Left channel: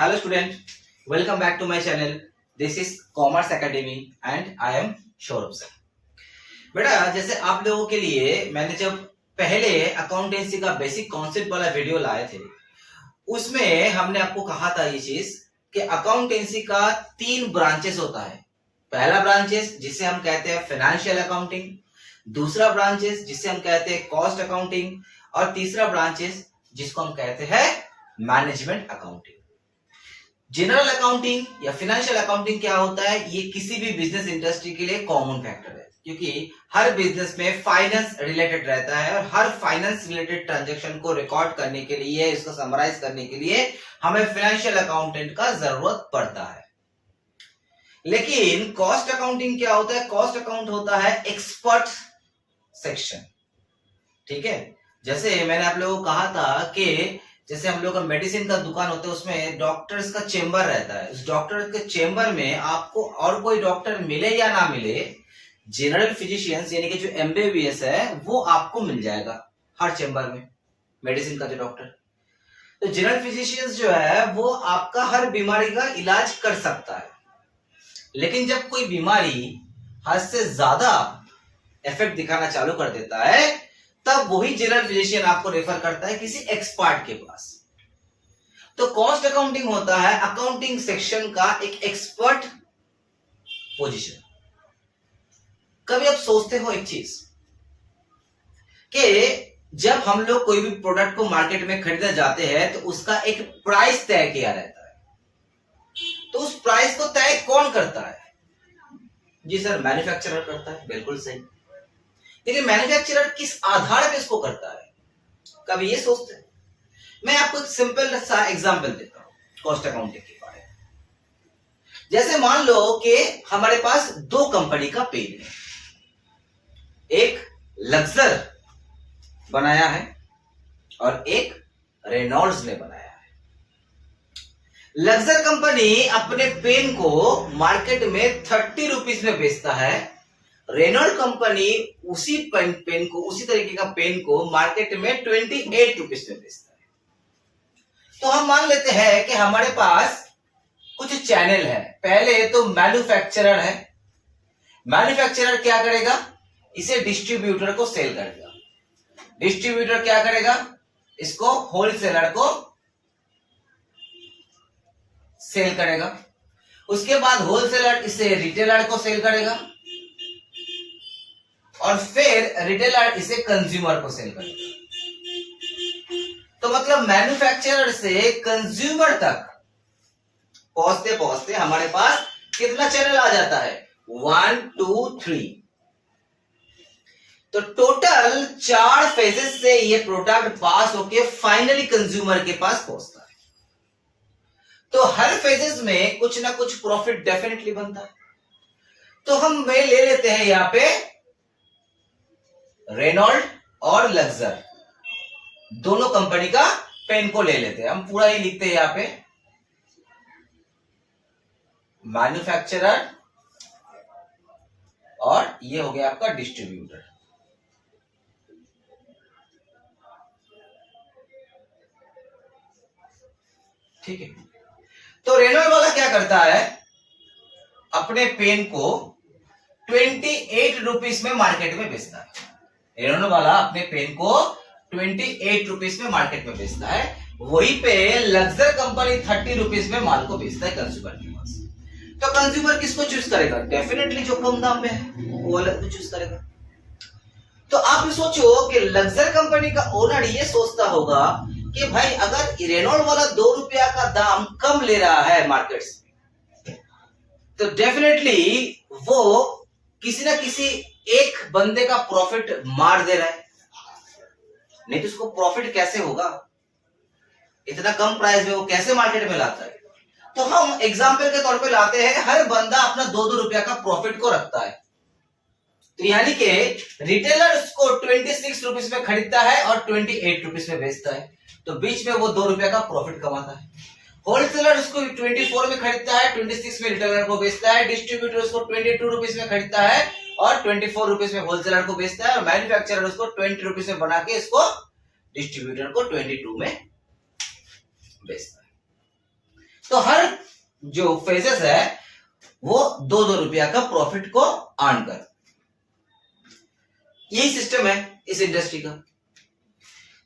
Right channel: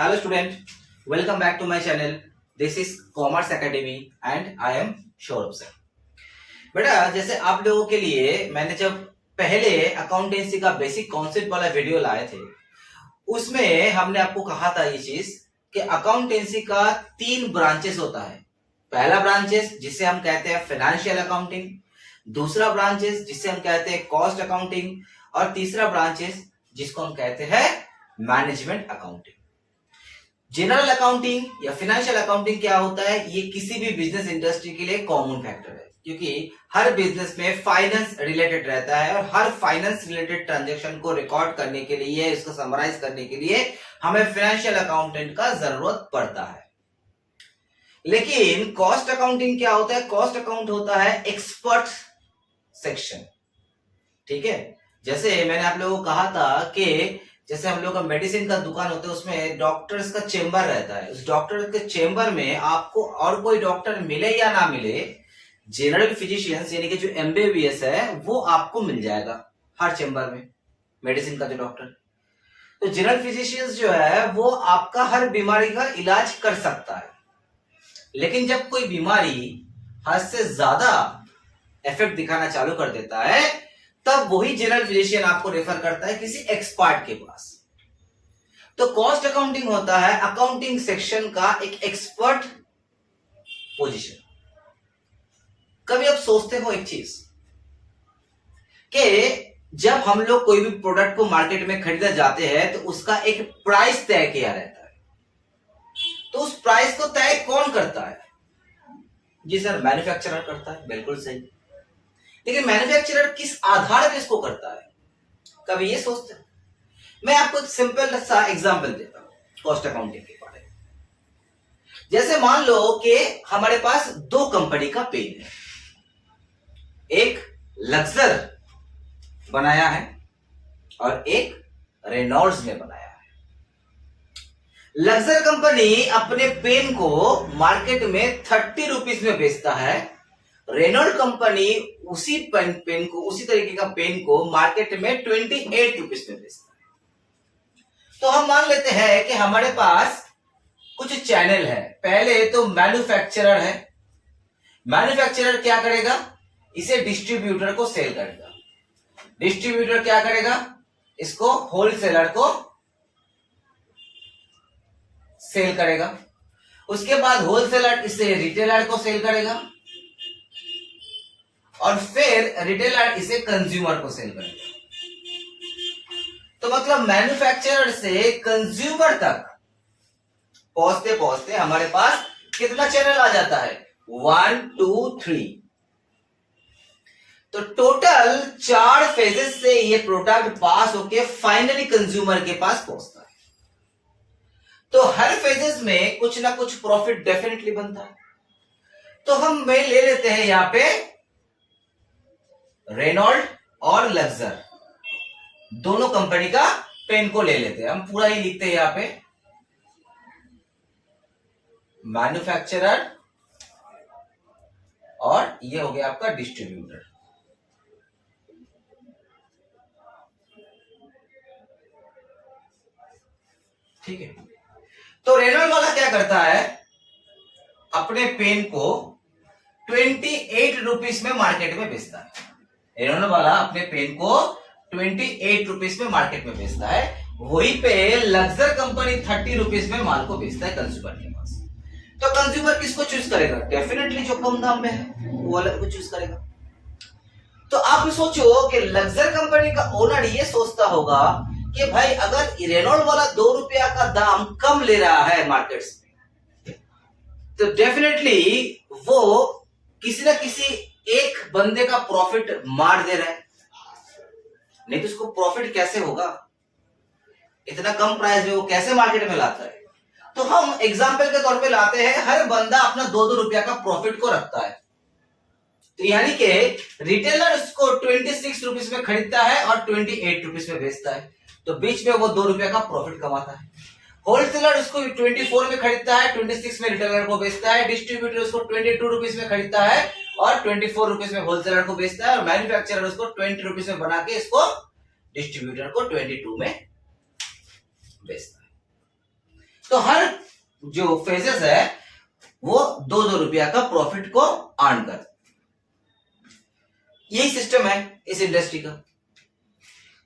Hello student, welcome back to my channel. This is Commerce Academy and I am Shourabh sir. बेटा जैसे आप लोगों के लिए मैंने जब पहले अकाउंटेंसी का बेसिक कॉन्सेप्ट वाला वीडियो लाए थे उसमें हमने आपको कहा था ये चीज कि अकाउंटेंसी का 3 ब्रांचेस होता है। पहला ब्रांचेस जिसे हम कहते हैं फाइनेंशियल अकाउंटिंग, दूसरा ब्रांचेस जिसे हम कहते हैं कॉस्ट अकाउंटिंग और तीसरा ब्रांचेस जिसको हम कहते हैं मैनेजमेंट अकाउंटिंग। जनरल अकाउंटिंग या फाइनेंशियल अकाउंटिंग क्या होता है, ये किसी भी बिजनेस इंडस्ट्री के लिए कॉमन फैक्टर है क्योंकि हर बिजनेस में फाइनेंस रिलेटेड रहता है और हर फाइनेंस रिलेटेड ट्रांजैक्शन को रिकॉर्ड करने के लिए, इसको समराइज करने के लिए हमें फाइनेंशियल अकाउंटेंट का जरूरत पड़ता है। लेकिन कॉस्ट अकाउंटिंग क्या होता है? कॉस्ट अकाउंट होता है एक्सपर्ट सेक्शन। ठीक है, जैसे मैंने आप लोगों को कहा था कि जैसे हम लोग का मेडिसिन का दुकान होता है उसमें डॉक्टर्स का चेंबर रहता है। उस डॉक्टर के चेंबर में आपको और कोई डॉक्टर मिले या ना मिले, जनरल फिजिशियंस यानी कि जो एमबीबीएस है वो आपको मिल जाएगा हर चेंबर में, मेडिसिन का जो डॉक्टर। तो जनरल फिजिशियंस जो है वो आपका हर बीमारी का इलाज कर सकता है। लेकिन जब कोई बीमारी हद से ज्यादा इफेक्ट दिखाना चालू कर देता है तब वही जनरल फिजिशियन आपको रेफर करता है किसी एक्सपर्ट के पास। तो कॉस्ट अकाउंटिंग होता है अकाउंटिंग सेक्शन का एक एक्सपर्ट पोजीशन। कभी आप सोचते हो एक चीज कि जब हम लोग कोई भी प्रोडक्ट को मार्केट में खरीदने जाते हैं तो उसका एक प्राइस तय किया रहता है। तो उस प्राइस को तय कौन करता है? जी सर, मैन्युफैक्चरर करता है। बिल्कुल सही। लेकिन मैन्युफैक्चरर किस आधार पे इसको करता है? कभी ये सोचते हैं? मैं आपको एक सिंपल सा एग्जांपल देता हूं कॉस्ट अकाउंटिंग के बारे में। जैसे मान लो कि हमारे पास 2 कंपनी का पेन है, एक लक्सर बनाया है और एक रेनॉल्ड्स ने बनाया है। लक्सर कंपनी अपने पेन को मार्केट में 30 रुपीज में बेचता है, रेनॉल्ड कंपनी उसी पेन को, उसी तरीके का पेन को मार्केट में 28 रुपीज में बेचता है। तो हम मान लेते हैं कि हमारे पास कुछ चैनल है। पहले तो मैन्युफैक्चरर है। मैन्युफैक्चरर क्या करेगा? इसे डिस्ट्रीब्यूटर को सेल करेगा। डिस्ट्रीब्यूटर क्या करेगा? इसको होलसेलर को सेल करेगा। उसके बाद होलसेलर इसे रिटेलर को सेल करेगा और फिर रिटेलर इसे कंज्यूमर को सेल करेगा। तो मतलब मैन्युफैक्चरर से कंज्यूमर तक पहुंचते पहुंचते हमारे पास कितना चैनल आ जाता है? 1 2 3। तो टोटल 4 फेजेस से ये प्रोडक्ट पास होके फाइनली कंज्यूमर के पास पहुंचता है। तो हर फेजेस में कुछ ना कुछ प्रॉफिट डेफिनेटली बनता है। तो हम ले लेते हैं यहां पे रेनॉल्ड और लक्सर, दोनों कंपनी का पेन को ले लेते हैं। हम पूरा ही लिखते हैं यहां पे मैन्युफैक्चरर और ये हो गया आपका डिस्ट्रीब्यूटर। ठीक है, तो रेनॉल्ड वाला क्या करता है? अपने पेन को 28 रुपीज में मार्केट में बेचता है। रेनॉल्ड वाला अपने पेन को 28 रुपीज में मार्केट में बेचता है। वहीं पे लक्सर कंपनी 30 रुपीज में माल को बेचता है कंज्यूमर के पास। तो कंज्यूमर किसको चूज करेगा? डेफिनेटली जो कम दाम में है वो वाला को चूज करेगा। तो आप सोचो कि लक्सर कंपनी का ओनर ये सोचता होगा कि भाई अगर रेनॉल्ड वाला 2 रुपया का दाम कम ले रहा है मार्केट में तो डेफिनेटली वो किसी ना किसी एक बंदे का प्रॉफिट मार दे रहा है, नहीं तो उसको प्रॉफिट कैसे होगा? इतना कम प्राइस में वो कैसे मार्केट में लाता है? तो हम एग्जांपल के तौर पे लाते हैं, हर बंदा अपना 2-2 रुपया का प्रॉफिट को रखता है। तो यानी कि रिटेलर उसको 26 रुपीज में खरीदता है और 28 रुपीज में बेचता है, तो बीच में वो 2 रुपया का प्रॉफिट कमाता है। होलसेलर उसको 24 में खरीदता है, 26 में रिटेलर को बेचता है। डिस्ट्रीब्यूटर उसको 22 रुपीज में खरीदता है और 24 रुपीज में होलसेलर को बेचता है। और मैन्युफैक्चरर उसको 20 रुपीज में बना के इसको डिस्ट्रीब्यूटर को 22 में बेचता है। तो हर जो फेजेस है वो 2-2 रुपया का प्रॉफिट को अर्न कर। यही सिस्टम है इस इंडस्ट्री का।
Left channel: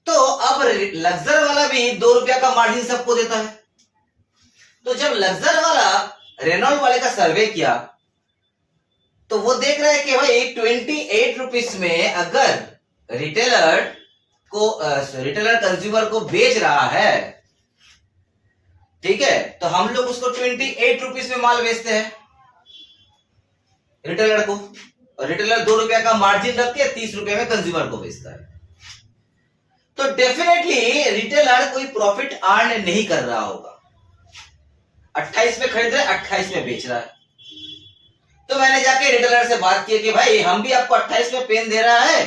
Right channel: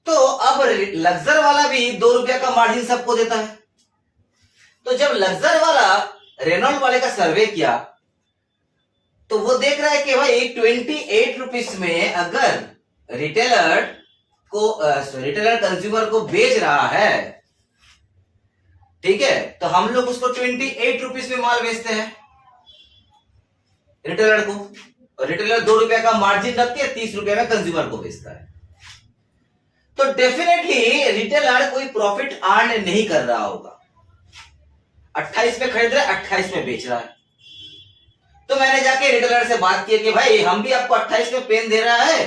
तो अब लग्जर वाला भी 2 रुपया का मार्जिन सबको देता है। तो जब लग्जर वाला रेनॉल्ट वाले का सर्वे किया तो वो देख रहा है कि भाई 28 रुपीज में अगर रिटेलर कंज्यूमर को बेच रहा है, ठीक है, तो हम लोग उसको 28 रुपीज में माल बेचते हैं रिटेलर को, और रिटेलर 2 रुपया का मार्जिन रख के 30 रुपया में कंज्यूमर को बेचता है। तो डेफिनेटली रिटेलर कोई प्रॉफिट अर्न नहीं कर रहा होगा। 28 में खरीद रहा है, 28 में बेच रहा है। तो मैंने जाके रिटेलर से बात की कि भाई हम भी आपको 28 में पेन दे रहा है,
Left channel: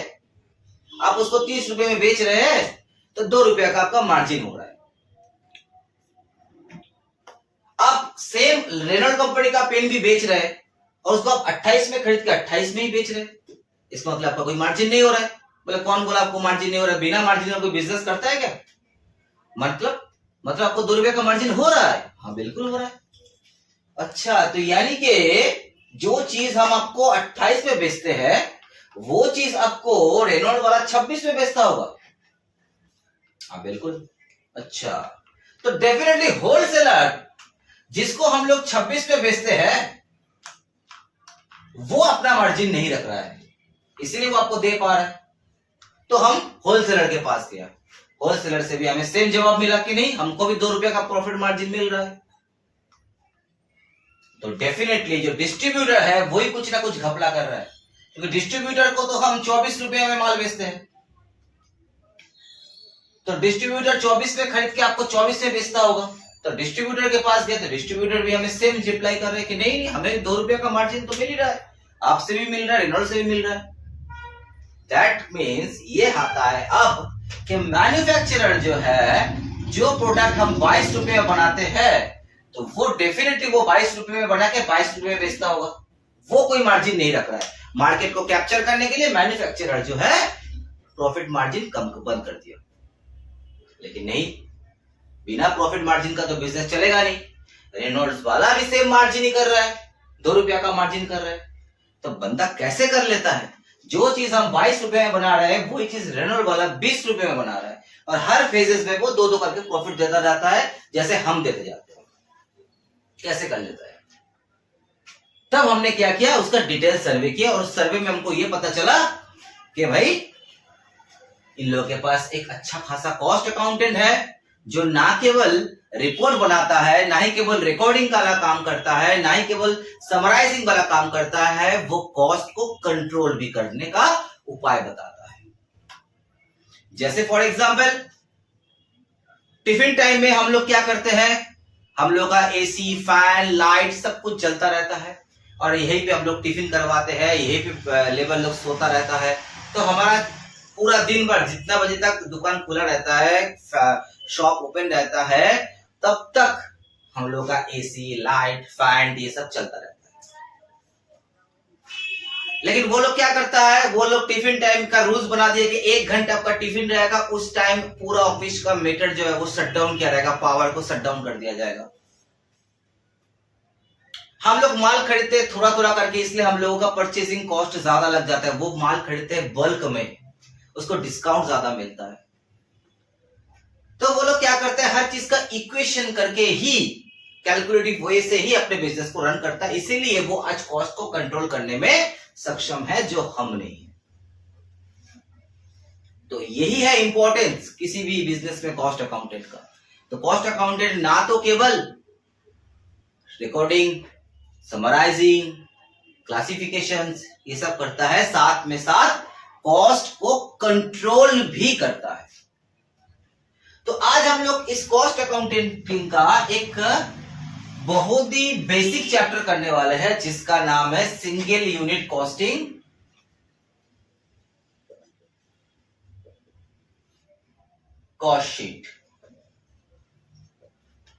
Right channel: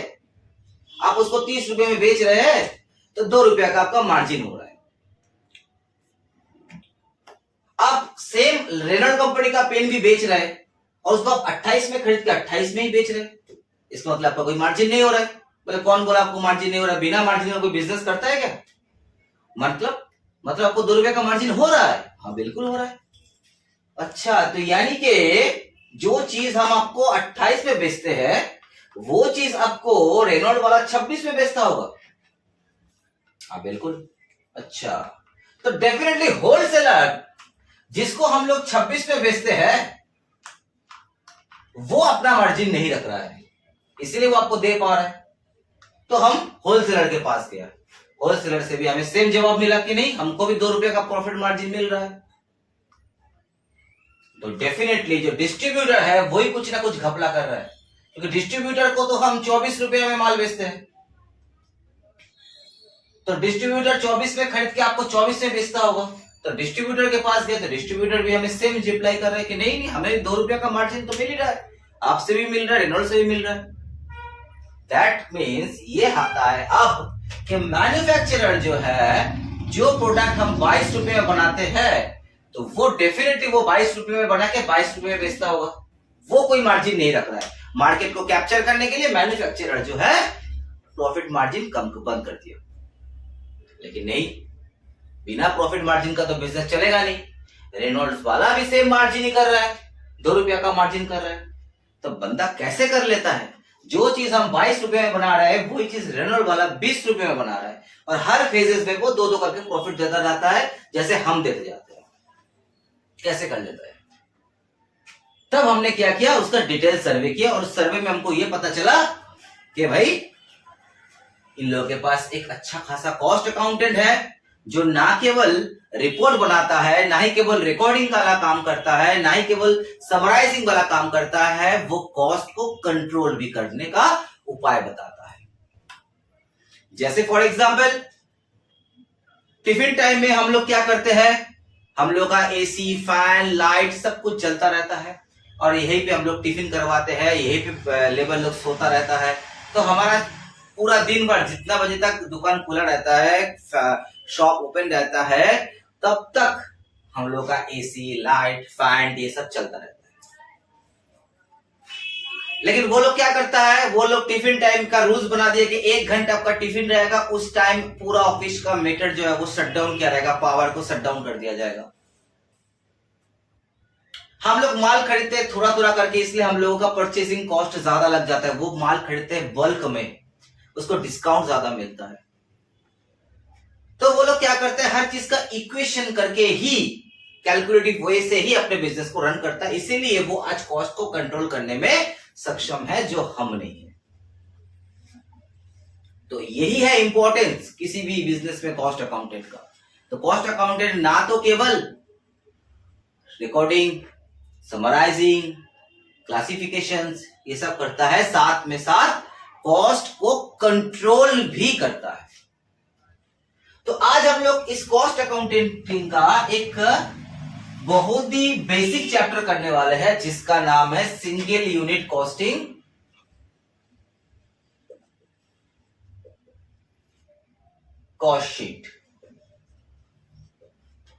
आप उसको 30 रुपए में बेच रहे हैं, तो 2 रुपया का आपका मार्जिन हो रहा है। आप सेम रेनॉल्ट कंपनी का पेन भी बेच रहे हैं और उसको आप 28 में खरीद के 28 में ही बेच रहे हैं, इसका मतलब आपका कोई मार्जिन नहीं हो रहा है। बोले कौन बोला आपको मार्जिन नहीं हो रहा है? बिना मार्जिन का कोई बिजनेस करता है क्या? मतलब आपको 2 रुपए का मार्जिन हो रहा है? हाँ बिल्कुल हो रहा है। अच्छा, तो यानी कि जो चीज हम आपको 28 में बेचते हैं वो चीज आपको रेनॉल्ट वाला 26 में बेचता होगा? हाँ बिल्कुल। अच्छा, तो डेफिनेटली होलसेलर जिसको हम लोग 26 में बेचते हैं वो अपना मार्जिन नहीं रख रहा है, इसीलिए वो आपको दे पा रहा है। तो हम होलसेलर के पास गया, होलसेलर से भी हमें सेम जवाब मिला कि नहीं, हमको भी 2 रुपए का प्रॉफिट मार्जिन मिल रहा है। तो डेफिनेटली जो डिस्ट्रीब्यूटर है वही कुछ ना कुछ घपला कर रहा है, क्योंकि डिस्ट्रीब्यूटर को तो हम 24 रुपए में माल बेचते हैं, तो डिस्ट्रीब्यूटर 24 में खरीद के आपको 24 में बेचता होगा। तो डिस्ट्रीब्यूटर के पास गया तो डिस्ट्रीब्यूटर भी हमें सेम रिप्लाई कर रहे हैं कि नहीं हमें 2 रुपया का मार्जिन तो मिल ही रहा है, आपसे भी मिल रहा है, रेनॉल्ट से भी मिल रहा है। दैट मीन्स ये आता है अब कि मैन्युफैक्चरर जो है, जो प्रोडक्ट हम 22 रुपए में बनाते हैं तो वो डेफिनेटली वो 22 रुपए में बना के 22 रुपए में बेचता होगा, वो कोई मार्जिन नहीं रख रहा है। मार्केट को कैप्चर करने के लिए मैन्युफैक्चरर जो है प्रॉफिट मार्जिन कम बंद कर दिया, लेकिन नहीं, बिना प्रॉफिट मार्जिन का तो बिजनेस चलेगा नहीं। रेनॉल्ड्स वाला भी सेम मार्जिन ही कर रहा है, 2 रुपया का मार्जिन कर रहा है, तो बंदा कैसे कर लेता है? जो चीज हम 22 रुपए में बना रहे हैं वही चीज रेनॉल्ड वाला 20 रुपए में बना रहा है, और हर फेजेस में वो 2-2 करके प्रॉफिट देता जाता है, जैसे हम देते जाते हैं। कैसे कर लेता है? तब हमने क्या किया, उसका डिटेल सर्वे किया, और सर्वे में हमको ये पता चला कि भाई इन लोगों के पास एक अच्छा खासा कॉस्ट अकाउंटेंट है, जो ना केवल रिपोर्ट बनाता है, ना ही केवल रिकॉर्डिंग वाला काम करता है, ना ही केवल समराइजिंग वाला काम करता है, वो कॉस्ट को कंट्रोल भी करने का उपाय बताता है। जैसे फॉर एग्जांपल टिफिन टाइम में हम लोग क्या करते हैं, हम लोग का एसी, फैन, लाइट सब कुछ चलता रहता है, और यहीं पे हम लोग टिफिन करवाते हैं, यहीं पे लेबर लोग सोता रहता है। तो हमारा पूरा दिन भर जितना बजे तक दुकान खुला रहता है, शॉप ओपन रहता है, तब तक हम लोग का एसी, लाइट, फैन ये सब चलता रहता है। लेकिन वो लोग क्या करता है, वो लोग टिफिन टाइम का रूल्स बना दिए कि 1 घंटा आपका टिफिन रहेगा, उस टाइम पूरा ऑफिस का मीटर जो है वो शट डाउन किया रहेगा, पावर को शट डाउन कर दिया जाएगा। हम लोग माल खरीदते हैं थोड़ा थोड़ा करके, इसलिए हम लोगों का परचेसिंग कॉस्ट ज्यादा लग जाता है। वो माल खरीदते हैं बल्क में, उसको डिस्काउंट ज्यादा मिलता है। तो वो लोग क्या करते हैं, हर चीज का इक्वेशन करके ही, कैलकुलेटिव वे से ही अपने बिजनेस को रन करता है, इसीलिए वो आज कॉस्ट को कंट्रोल करने में सक्षम है, जो हम नहीं है। तो यही है इंपॉर्टेंस किसी भी बिजनेस में कॉस्ट अकाउंटेंट का। तो कॉस्ट अकाउंटेंट ना तो केवल रिकॉर्डिंग, समराइजिंग, क्लासिफिकेशंस ये सब करता है, साथ में साथ कॉस्ट को कंट्रोल भी करता है। तो आज हम लोग इस कॉस्ट अकाउंटिंग का एक बहुत ही बेसिक चैप्टर करने वाले हैं, जिसका नाम है single unit costing cost sheet.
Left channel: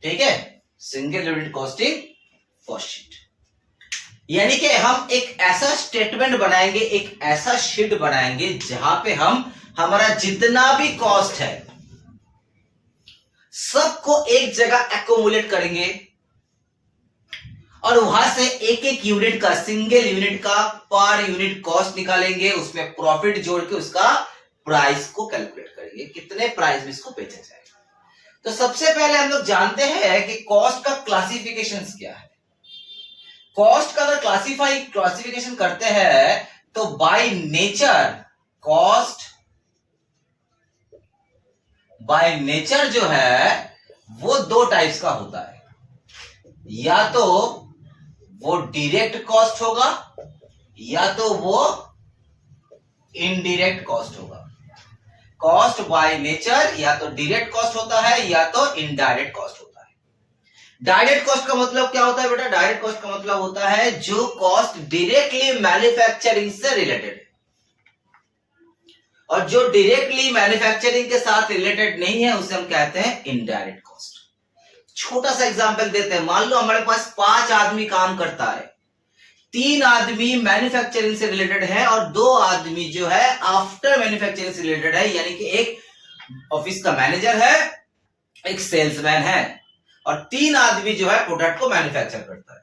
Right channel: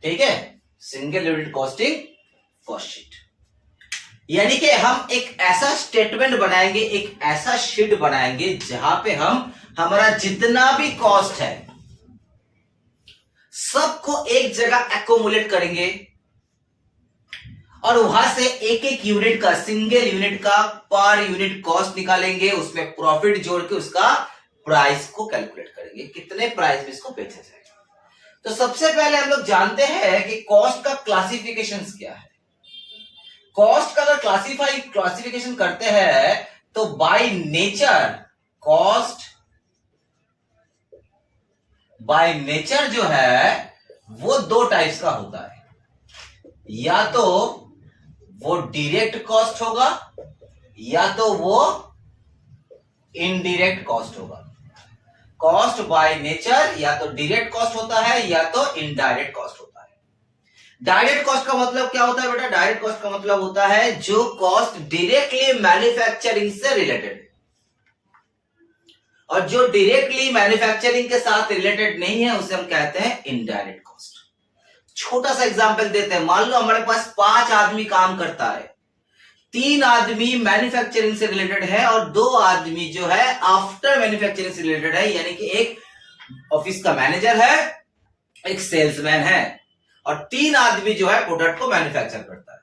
ठीक है, single unit costing cost sheet, यानी कि हम एक ऐसा स्टेटमेंट बनाएंगे, एक ऐसा शीट बनाएंगे जहां पे हम हमारा जितना भी कॉस्ट है सबको एक जगह एकोमुलेट करेंगे, और वहां से एक एक यूनिट का, सिंगल यूनिट का पर यूनिट कॉस्ट निकालेंगे, उसमें प्रॉफिट जोड़ के उसका प्राइस को कैलकुलेट करेंगे, कितने प्राइस में इसको बेचा जाएगा। तो सबसे पहले हम लोग जानते हैं कि कॉस्ट का क्लासिफिकेशन क्या है। कॉस्ट का अगर क्लासिफिकेशन करते हैं तो by nature cost, by nature जो है वो दो टाइप्स का होता है, या तो वो डायरेक्ट कॉस्ट होगा या तो वो इनडायरेक्ट कॉस्ट होगा। कॉस्ट बाय नेचर या तो डायरेक्ट कॉस्ट होता है या तो इनडायरेक्ट कॉस्ट होता है। डायरेक्ट कॉस्ट का मतलब क्या होता है बेटा? डायरेक्ट कॉस्ट का मतलब होता है जो कॉस्ट डायरेक्टली मैन्युफैक्चरिंग से रिलेटेड है, और जो डायरेक्टली मैन्युफैक्चरिंग के साथ रिलेटेड नहीं है उसे हम कहते हैं इनडायरेक्ट कॉस्ट। छोटा सा एग्जांपल देते हैं, मान लो हमारे पास 5 आदमी काम करता है, 3 आदमी मैन्युफैक्चरिंग से रिलेटेड है और 2 आदमी जो है आफ्टर मैन्युफैक्चरिंग से रिलेटेड है, यानी कि एक ऑफिस का मैनेजर है, एक सेल्समैन है, और 3 आदमी जो है प्रोडक्ट को मैन्युफैक्चर करता है।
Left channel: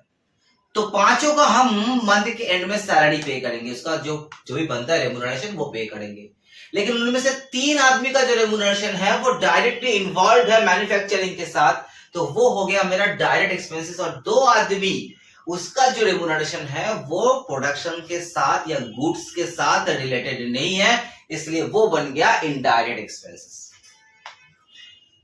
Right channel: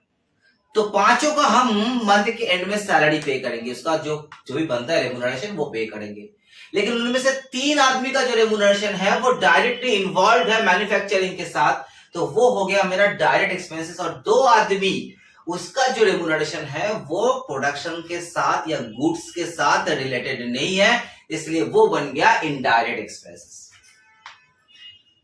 तो पांचों का हम मंथ के एंड में सैलरी पे करेंगे, उसका जो भी बनता है रेम्यूनरेशन वो पे करेंगे। लेकिन उनमें से 3 आदमी का जो रेम्यूनरेशन है वो डायरेक्टली इन्वॉल्व है मैन्युफैक्चरिंग के साथ, तो वो हो गया मेरा डायरेक्ट एक्सपेंसेस, और 2 आदमी उसका जो रेम्यूनरेशन है वो प्रोडक्शन के साथ या गुड्स के साथ रिलेटेड नहीं है, इसलिए वो बन गया इनडायरेक्ट एक्सपेंसेस।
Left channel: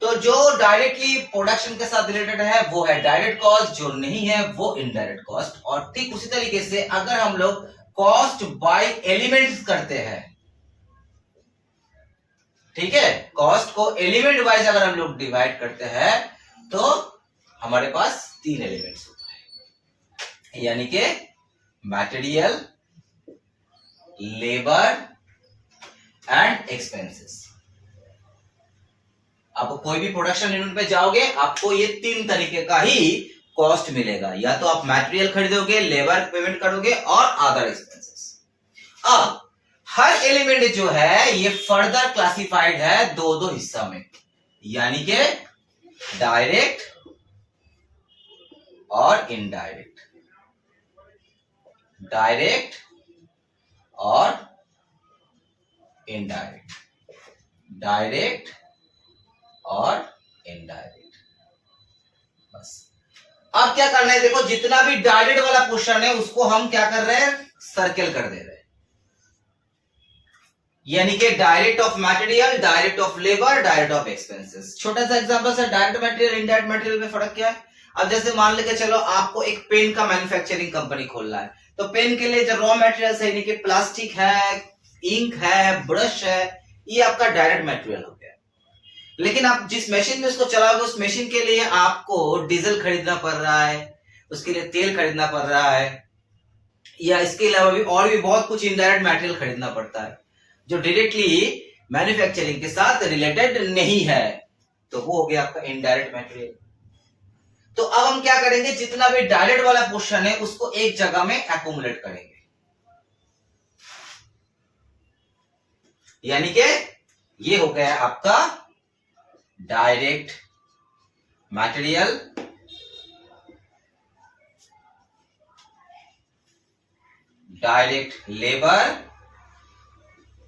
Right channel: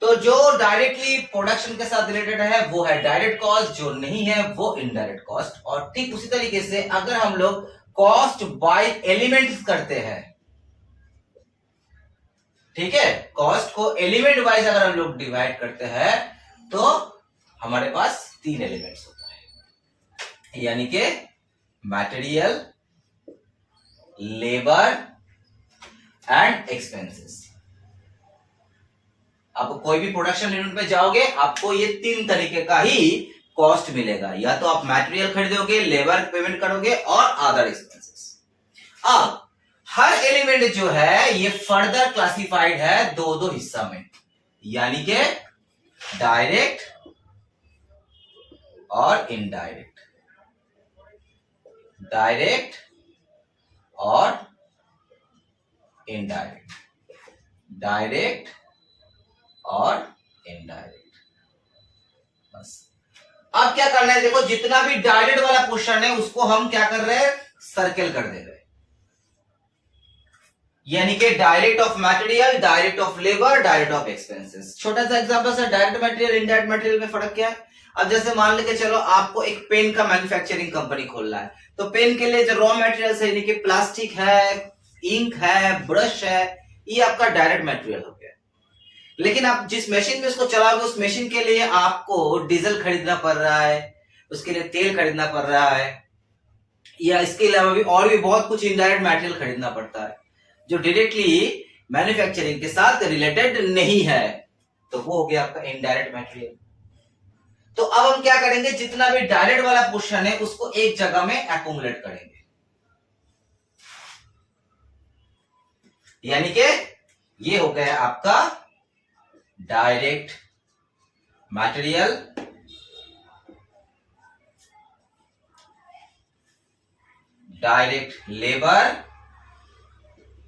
तो जो डायरेक्टली प्रोडक्शन के साथ रिलेटेड है वो है डायरेक्ट कॉस्ट, जो नहीं है वो इनडायरेक्ट कॉस्ट। और ठीक उसी तरीके से अगर हम लोग कॉस्ट बाय एलिमेंट्स करते हैं, ठीक है, कॉस्ट को एलिमेंट वाइज अगर हम लोग डिवाइड करते हैं तो हमारे पास 3 एलिमेंट्स होता है, यानी कि मटेरियल, लेबर एंड एक्सपेंसेस। आप कोई भी प्रोडक्शन यूनिट पे जाओगे आपको ये 3 तरीके का ही कॉस्ट मिलेगा, या तो आप मटेरियल खरीदोगे, लेबर पेमेंट करोगे और अदर एक्सपेंसेस। अब हर एलिमेंट जो है ये फर्दर क्लासिफाइड है 2 हिस्सा में, यानी कि डायरेक्ट और इनडायरेक्ट, डायरेक्ट और इनडायरेक्ट, डायरेक्ट और इनडायरेक्ट। बस अब क्या करना है, देखो जितना भी डायरेक्ट वाला पोर्शन है उसको हम क्या कर रहे हैं, सर्कल कर दे रहे हैं, यानी कि direct of material, direct of labour, direct of expenses. छोटा सा example sir, direct material indirect material में फर्क क्या है? अब जैसे मान लेके चलो आपको एक पेन का मैन्युफैक्चरिंग कंपनी खोलना है, तो पेन के लिए जो रॉ मटेरियल है, यानी कि प्लास्टिक है, इंक है, ब्रश है, ये आपका डायरेक्ट मटेरियल हो गया। लेकिन आप जिस मशीन में इसको चलाओगे उस मशीन के लिए आपको डीजल खरीदना पड़ रहा है, उसके लिए तेल खरीदना पड़ रहा है, या इसके अलावा भी और भी बहुत कुछ इनडायरेक्ट मटेरियल खरीदना पड़ता है जो डायरेक्टली मैन्युफैक्चरिंग के साथ रिलेटेड नहीं है, तो वो हो गया आपका इनडायरेक्ट मटेरियल। तो अब हम क्या करेंगे, जितना भी डायरेक्ट वाला पोर्शन है उसको एक जगह में एक्युमुलेट करेंगे, यानी कि ये हो गया आपका डायरेक्ट मटेरियल, डायरेक्ट लेबर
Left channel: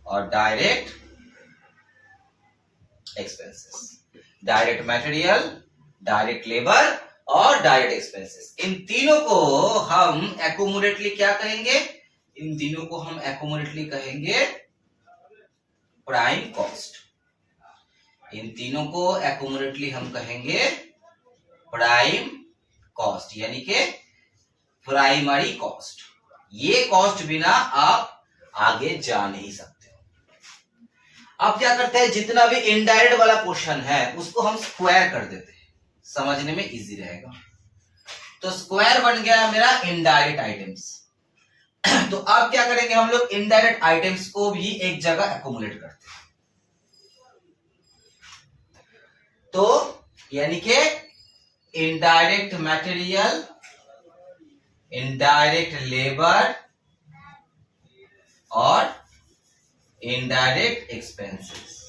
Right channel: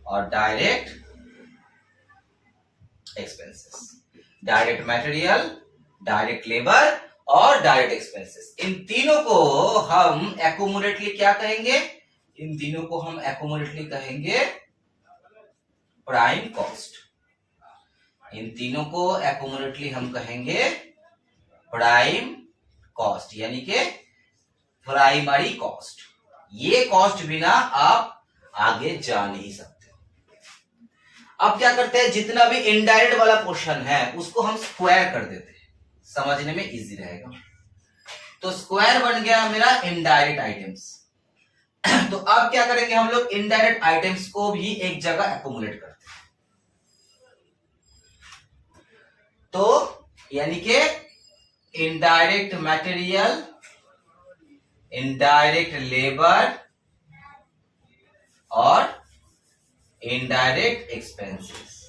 और direct expenses. Direct material, direct labour और डायरेक्ट एक्सपेंसेस, इन तीनों को हम एक्युमुलेटली क्या कहेंगे, इन तीनों को हम एक्युमुलेटली कहेंगे प्राइम कॉस्ट। इन तीनों को एक्युमुलेटली हम कहेंगे प्राइम कॉस्ट, यानी कि प्राइमरी कॉस्ट। ये कॉस्ट बिना आप आगे जा नहीं सकते। अब क्या करते हैं, जितना भी इनडायरेक्ट वाला पोर्शन है उसको हम स्क्वायर कर देते हैं, समझने में इजी रहेगा। तो स्क्वायर बन गया मेरा इनडायरेक्ट आइटम्स। तो अब क्या करेंगे, हम लोग इनडायरेक्ट आइटम्स को भी एक जगह एक्युमुलेट करते हैं। तो यानी कि इनडायरेक्ट मटेरियल, इनडायरेक्ट लेबर और indirect expenses.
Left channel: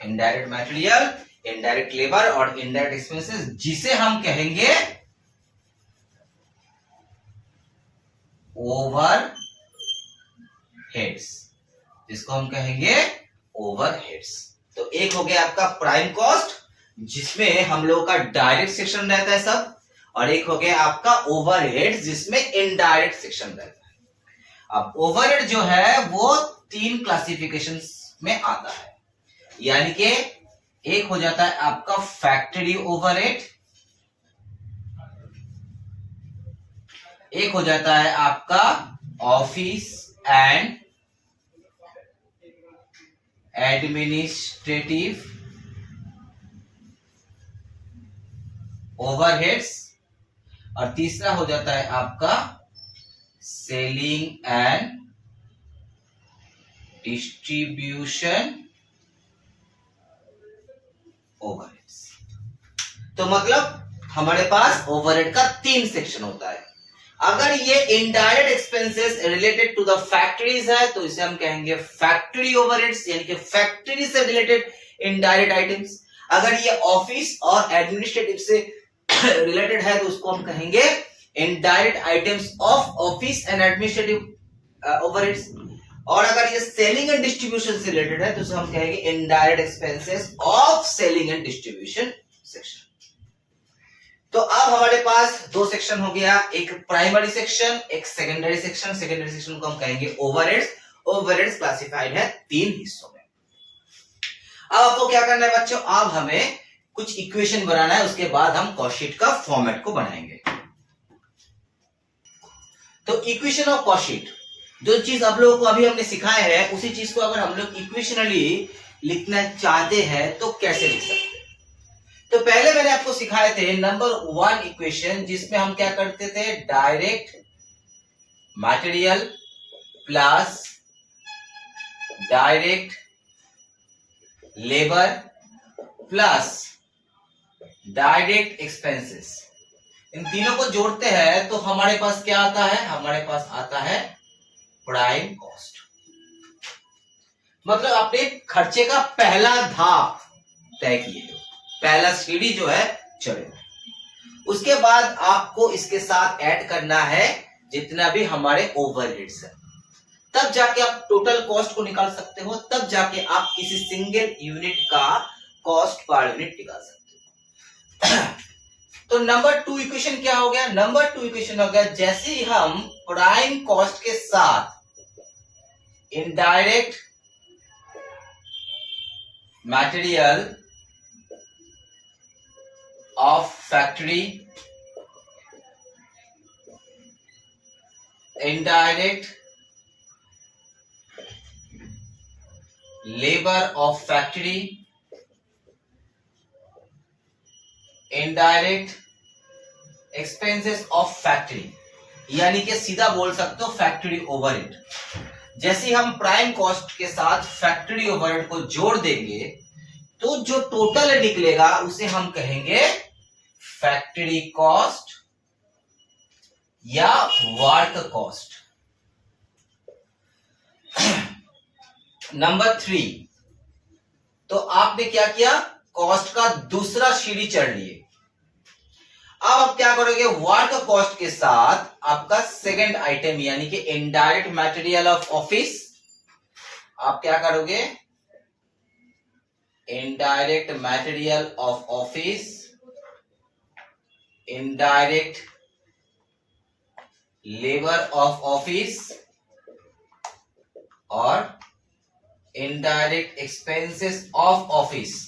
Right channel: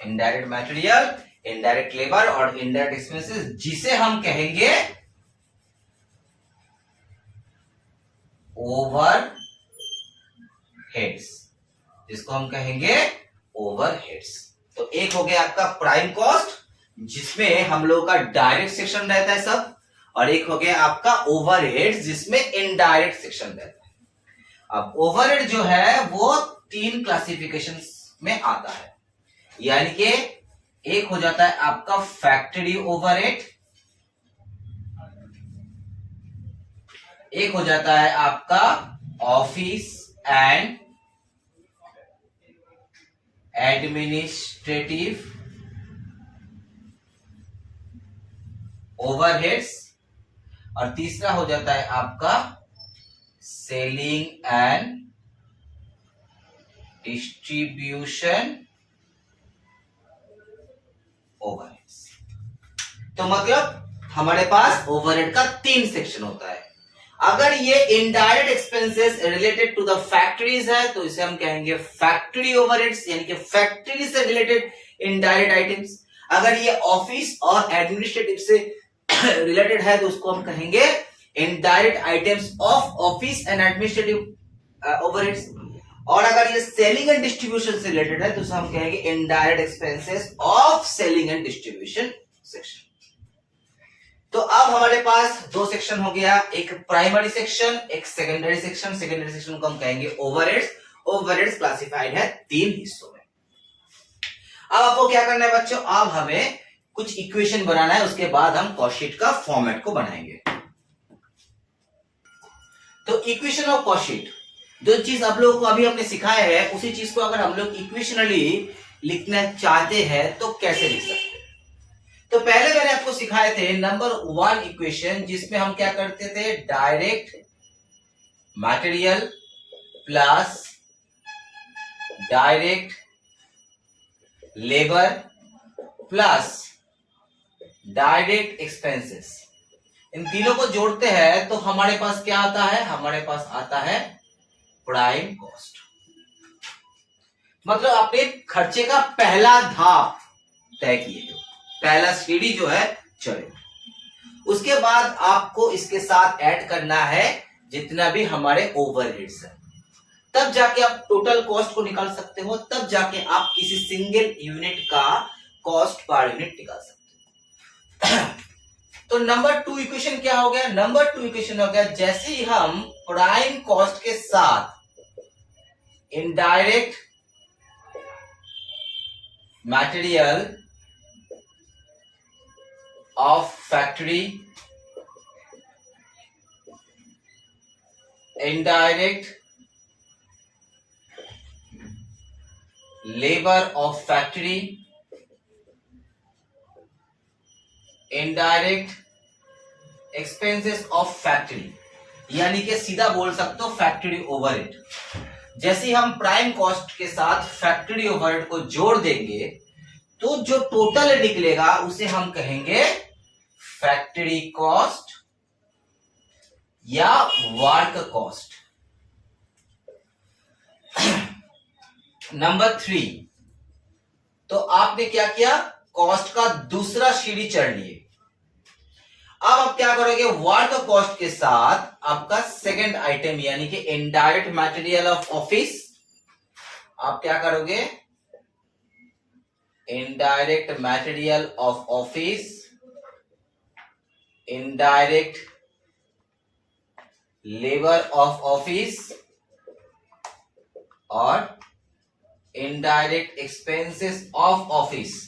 Indirect material, indirect labour और इनडायरेक्ट एक्सपेंसेस, जिसे हम कहेंगे ओवर हेड्स, जिसको हम कहेंगे ओवर हेड्स। तो एक हो गया आपका प्राइम कॉस्ट, जिसमें हम लोगों का डायरेक्ट सेक्शन रहता है सब, और एक हो गया आपका ओवरहेड्स जिसमें इनडायरेक्ट सेक्शन रहता है। अब ओवरहेड जो है वो 3 क्लासिफिकेशन में आता है, यानी कि एक हो जाता है आपका फैक्ट्री ओवरहेड, एक हो जाता है आपका ऑफिस एंड एडमिनिस्ट्रेटिव ओवरहेड्स, और तीसरा हो जाता है आपका सेलिंग एंड डिस्ट्रीब्यूशन ओवरहेड्स। तो मतलब हमारे पास ओवरहेड का 3 सेक्शन होता है। अगर ये indirect expenses related to the factories है तो इसे हम कहेंगे फैक्ट्री ओवरहेड्स, यानी कि फैक्ट्री से रिलेटेड इनडायरेक्ट आइटम्स। अगर ये ऑफिस और एडमिनिस्ट्रेटिव से रिलेटेड है तो उसको हम कहेंगे indirect items of office and administrative overheads. और अगर ये सेलिंग एंड डिस्ट्रीब्यूशन से रिलेटेड है तो उसे हम कहेंगे indirect expenses of selling and distribution section. तो अब हमारे पास 2 सेक्शन हो गया, एक प्राइमरी सेक्शन, एक सेकेंडरी सेक्शन। सेकेंडरी सेक्शन को हम कहेंगे ओवरहेड्स। ओवरहेड्स क्लासिफाइड है 3 हिस्सों में। अब आपको क्या करना है बच्चों, अब हमें कुछ इक्वेशन बनाना है, उसके बाद हम कॉस्ट शीट का फॉर्मेट को बनाएंगे। तो इक्वेशन ऑफ कॉस्ट शीट, जो चीज आप लोगों को अभी हमने सिखाया है उसी चीज को अगर हम लोग इक्वेशनली लिखना चाहते हैं तो कैसे लिख सकते हैं। तो पहले मैंने आपको सिखाए थे नंबर 1 इक्वेशन, जिसमें हम क्या करते थे, direct material plus direct labour plus direct expenses, इन तीनों को जोड़ते हैं तो हमारे पास क्या आता है, हमारे पास आता है प्राइम कॉस्ट। मतलब अपने खर्चे का पहला धाप तय किए, पहला सीढ़ी जो है चढ़े। उसके बाद आपको इसके साथ ऐड करना है जितना भी हमारे ओवरहेड्स है, तब जाके आप टोटल कॉस्ट को निकाल सकते हो, तब जाके आप किसी सिंगल यूनिट का कॉस्ट पर यूनिट निकाल सकते हो। तो नंबर 2 इक्वेशन क्या हो गया, नंबर 2 इक्वेशन हो गया, जैसे ही हम प्राइम कॉस्ट के साथ indirect material of factory, indirect labour of factory, indirect expenses of factory, यानी कि सीधा बोल सकते हो फैक्ट्री ओवरहेड। जैसे ही हम प्राइम कॉस्ट के साथ फैक्ट्री ओवरहेड को जोड़ देंगे तो जो टोटल निकलेगा उसे हम कहेंगे फैक्ट्री कॉस्ट या वर्क कॉस्ट। नंबर 3, तो आपने क्या किया, कॉस्ट का दूसरा सीढ़ी चढ़ लिए। अब आप क्या करोगे, वर्क कॉस्ट के साथ आपका सेकंड आइटम यानी कि इनडायरेक्ट मटेरियल ऑफ ऑफिस, आप क्या करोगे, indirect material of office, indirect labour of office और इनडायरेक्ट एक्सपेंसेस ऑफ ऑफिस।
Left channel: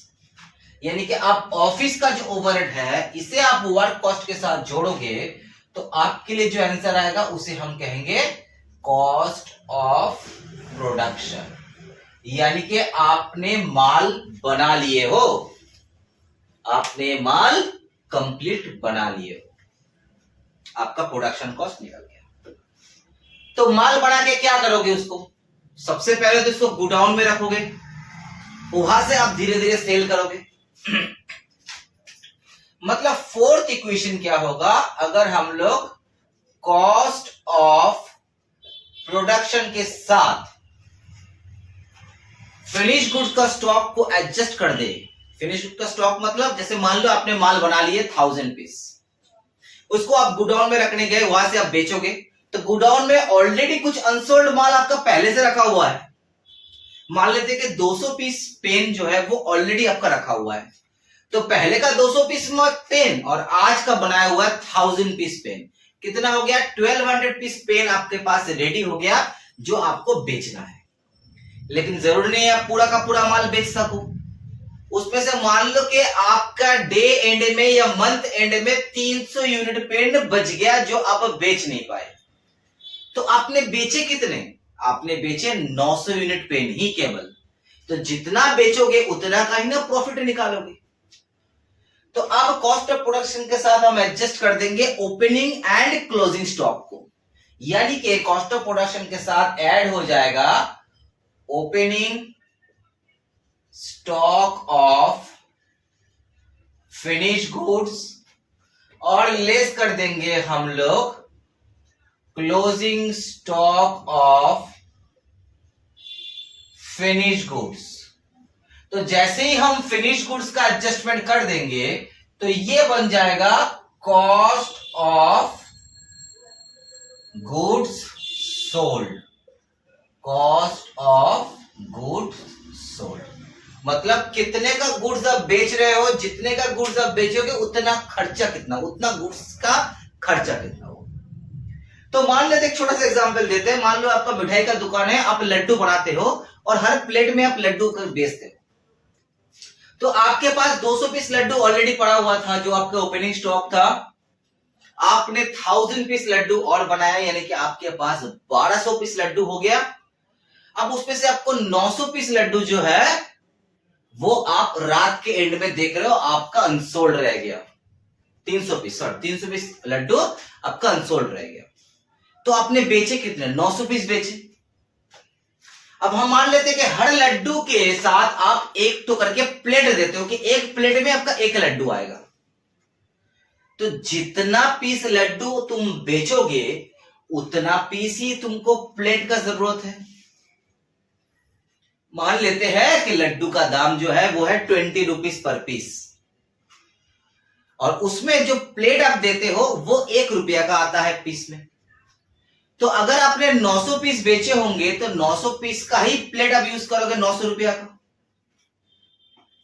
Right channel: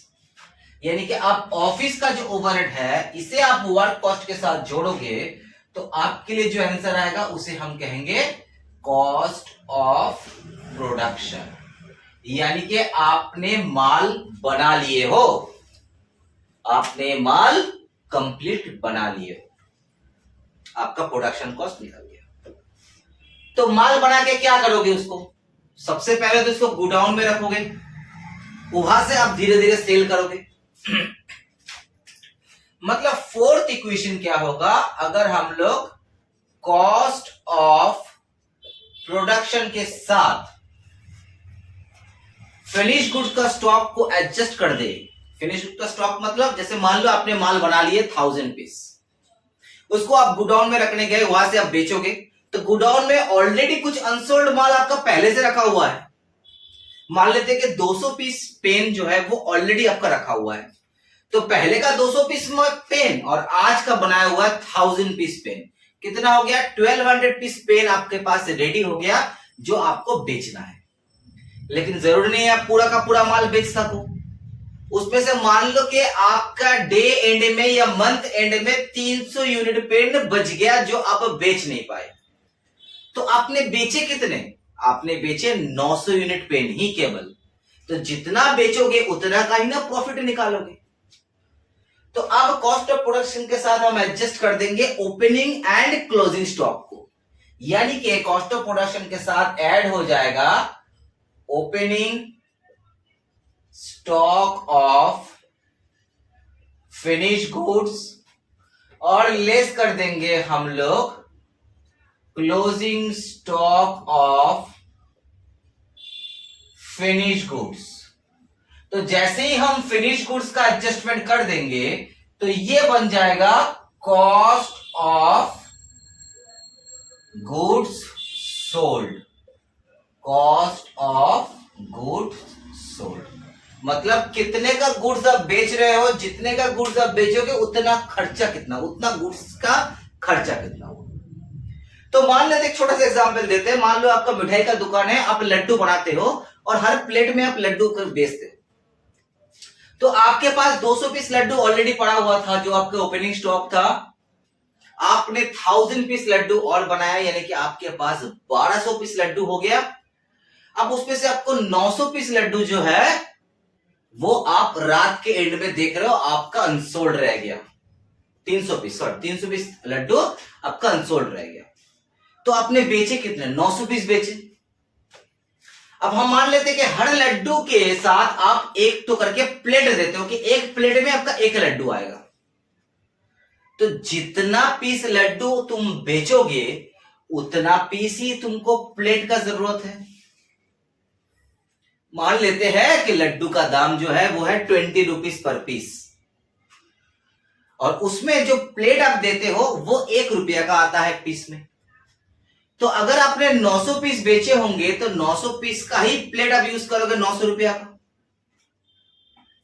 यानी कि आप ऑफिस का जो ओवरहेड है इसे आप वर्क कॉस्ट के साथ जोड़ोगे तो आपके लिए जो आंसर आएगा उसे हम कहेंगे कॉस्ट ऑफ प्रोडक्शन। यानी कि आपने माल बना लिए हो, आपने माल कंप्लीट बना लिए हो, आपका प्रोडक्शन कॉस्ट निकल गया। तो माल बना के क्या करोगे, उसको सबसे पहले तो इसको गोडाउन में रखोगे, वहां से आप धीरे धीरे सेल करोगे। मतलब 4th इक्वेशन क्या होगा, अगर हम लोग कॉस्ट ऑफ प्रोडक्शन के साथ फिनिश गुड्स का स्टॉक को एडजस्ट कर दे। फिनिश गुड्स का स्टॉक मतलब जैसे मान लो आपने माल बना लिए 1000 पीस, उसको आप गोडाउन में रखने गए, वहां से आप बेचोगे तो गोडाउन में ऑलरेडी कुछ अनसोल्ड माल आपका पहले से रखा हुआ है। मान लेते हैं कि 200 पीस पेन जो है वो ऑलरेडी आपका रखा हुआ है, तो पहले का 200 पीस पेन और आज का बनाया हुआ 1000 पीस पेन, कितना हो गया? 1200 पीस पेन आपके पास रेडी हो गया जो आपको बेचना है। लेकिन जरूरी नहीं है आप पूरा का पूरा माल बेच सको। उसमें से मान लो कि आपका डे एंड में या मंथ एंड में 300 यूनिट पेन बच गया जो आप बेच नहीं पाए, तो आपने बेचे कितने? आपने बेचे 900 यूनिट पेन ही केवल। तो जितना बेचोगे उतना का ही ना प्रॉफिट निकालोगे। तो अब कॉस्ट ऑफ प्रोडक्शन के साथ हम एडजस्ट कर देंगे ओपनिंग एंड क्लोजिंग स्टॉक को, यानी कि कॉस्ट ऑफ प्रोडक्शन के साथ ऐड हो जाएगा opening stock of finish goods और लेस कर देंगे हम लोग closing stock of finish goods. तो जैसे ही हम फिनिश गुड्स का एडजस्टमेंट कर देंगे तो ये बन जाएगा cost of goods sold. Cost of goods sold मतलब कितने का गुड्स आप बेच रहे हो, जितने का गुड्स आप बेचोगे उतना खर्चा कितना, उतना गुड्स का खर्चा कितना हो। तो मान लेते एक छोटा सा एग्जांपल देते हैं। मान लो आपका मिठाई का दुकान है, आप लड्डू बनाते हो और हर प्लेट में आप लड्डू बेचते हो। तो आपके पास 200 पीस लड्डू ऑलरेडी पड़ा हुआ था जो आपका ओपनिंग स्टॉक था। आपने 1000 पीस लड्डू और बनाया, यानी कि आपके पास 1200 पीस लड्डू हो गया। अब उसमें से आपको 900 पीस लड्डू जो है वो आप रात के एंड में देख रहे हो आपका अनसोल्ड रह गया। 300 पीस लड्डू आपका अनसोल्ड रह गया। तो आपने बेचे कितने? 900 पीस बेचे। अब हम मान लेते हैं कि हर लड्डू के साथ आप एक तो करके प्लेट देते हो कि एक प्लेट में आपका एक लड्डू आएगा। तो जितना पीस लड्डू तुम बेचोगे उतना पीस ही तुमको प्लेट का जरूरत है। मान लेते हैं कि लड्डू का दाम जो है वो है 20 रुपीज पर पीस, और उसमें जो प्लेट आप देते हो वो 1 रुपया का आता है पीस में। तो अगर आपने 900 पीस बेचे होंगे तो 900 पीस का ही प्लेट आप यूज करोगे 900 रुपया का।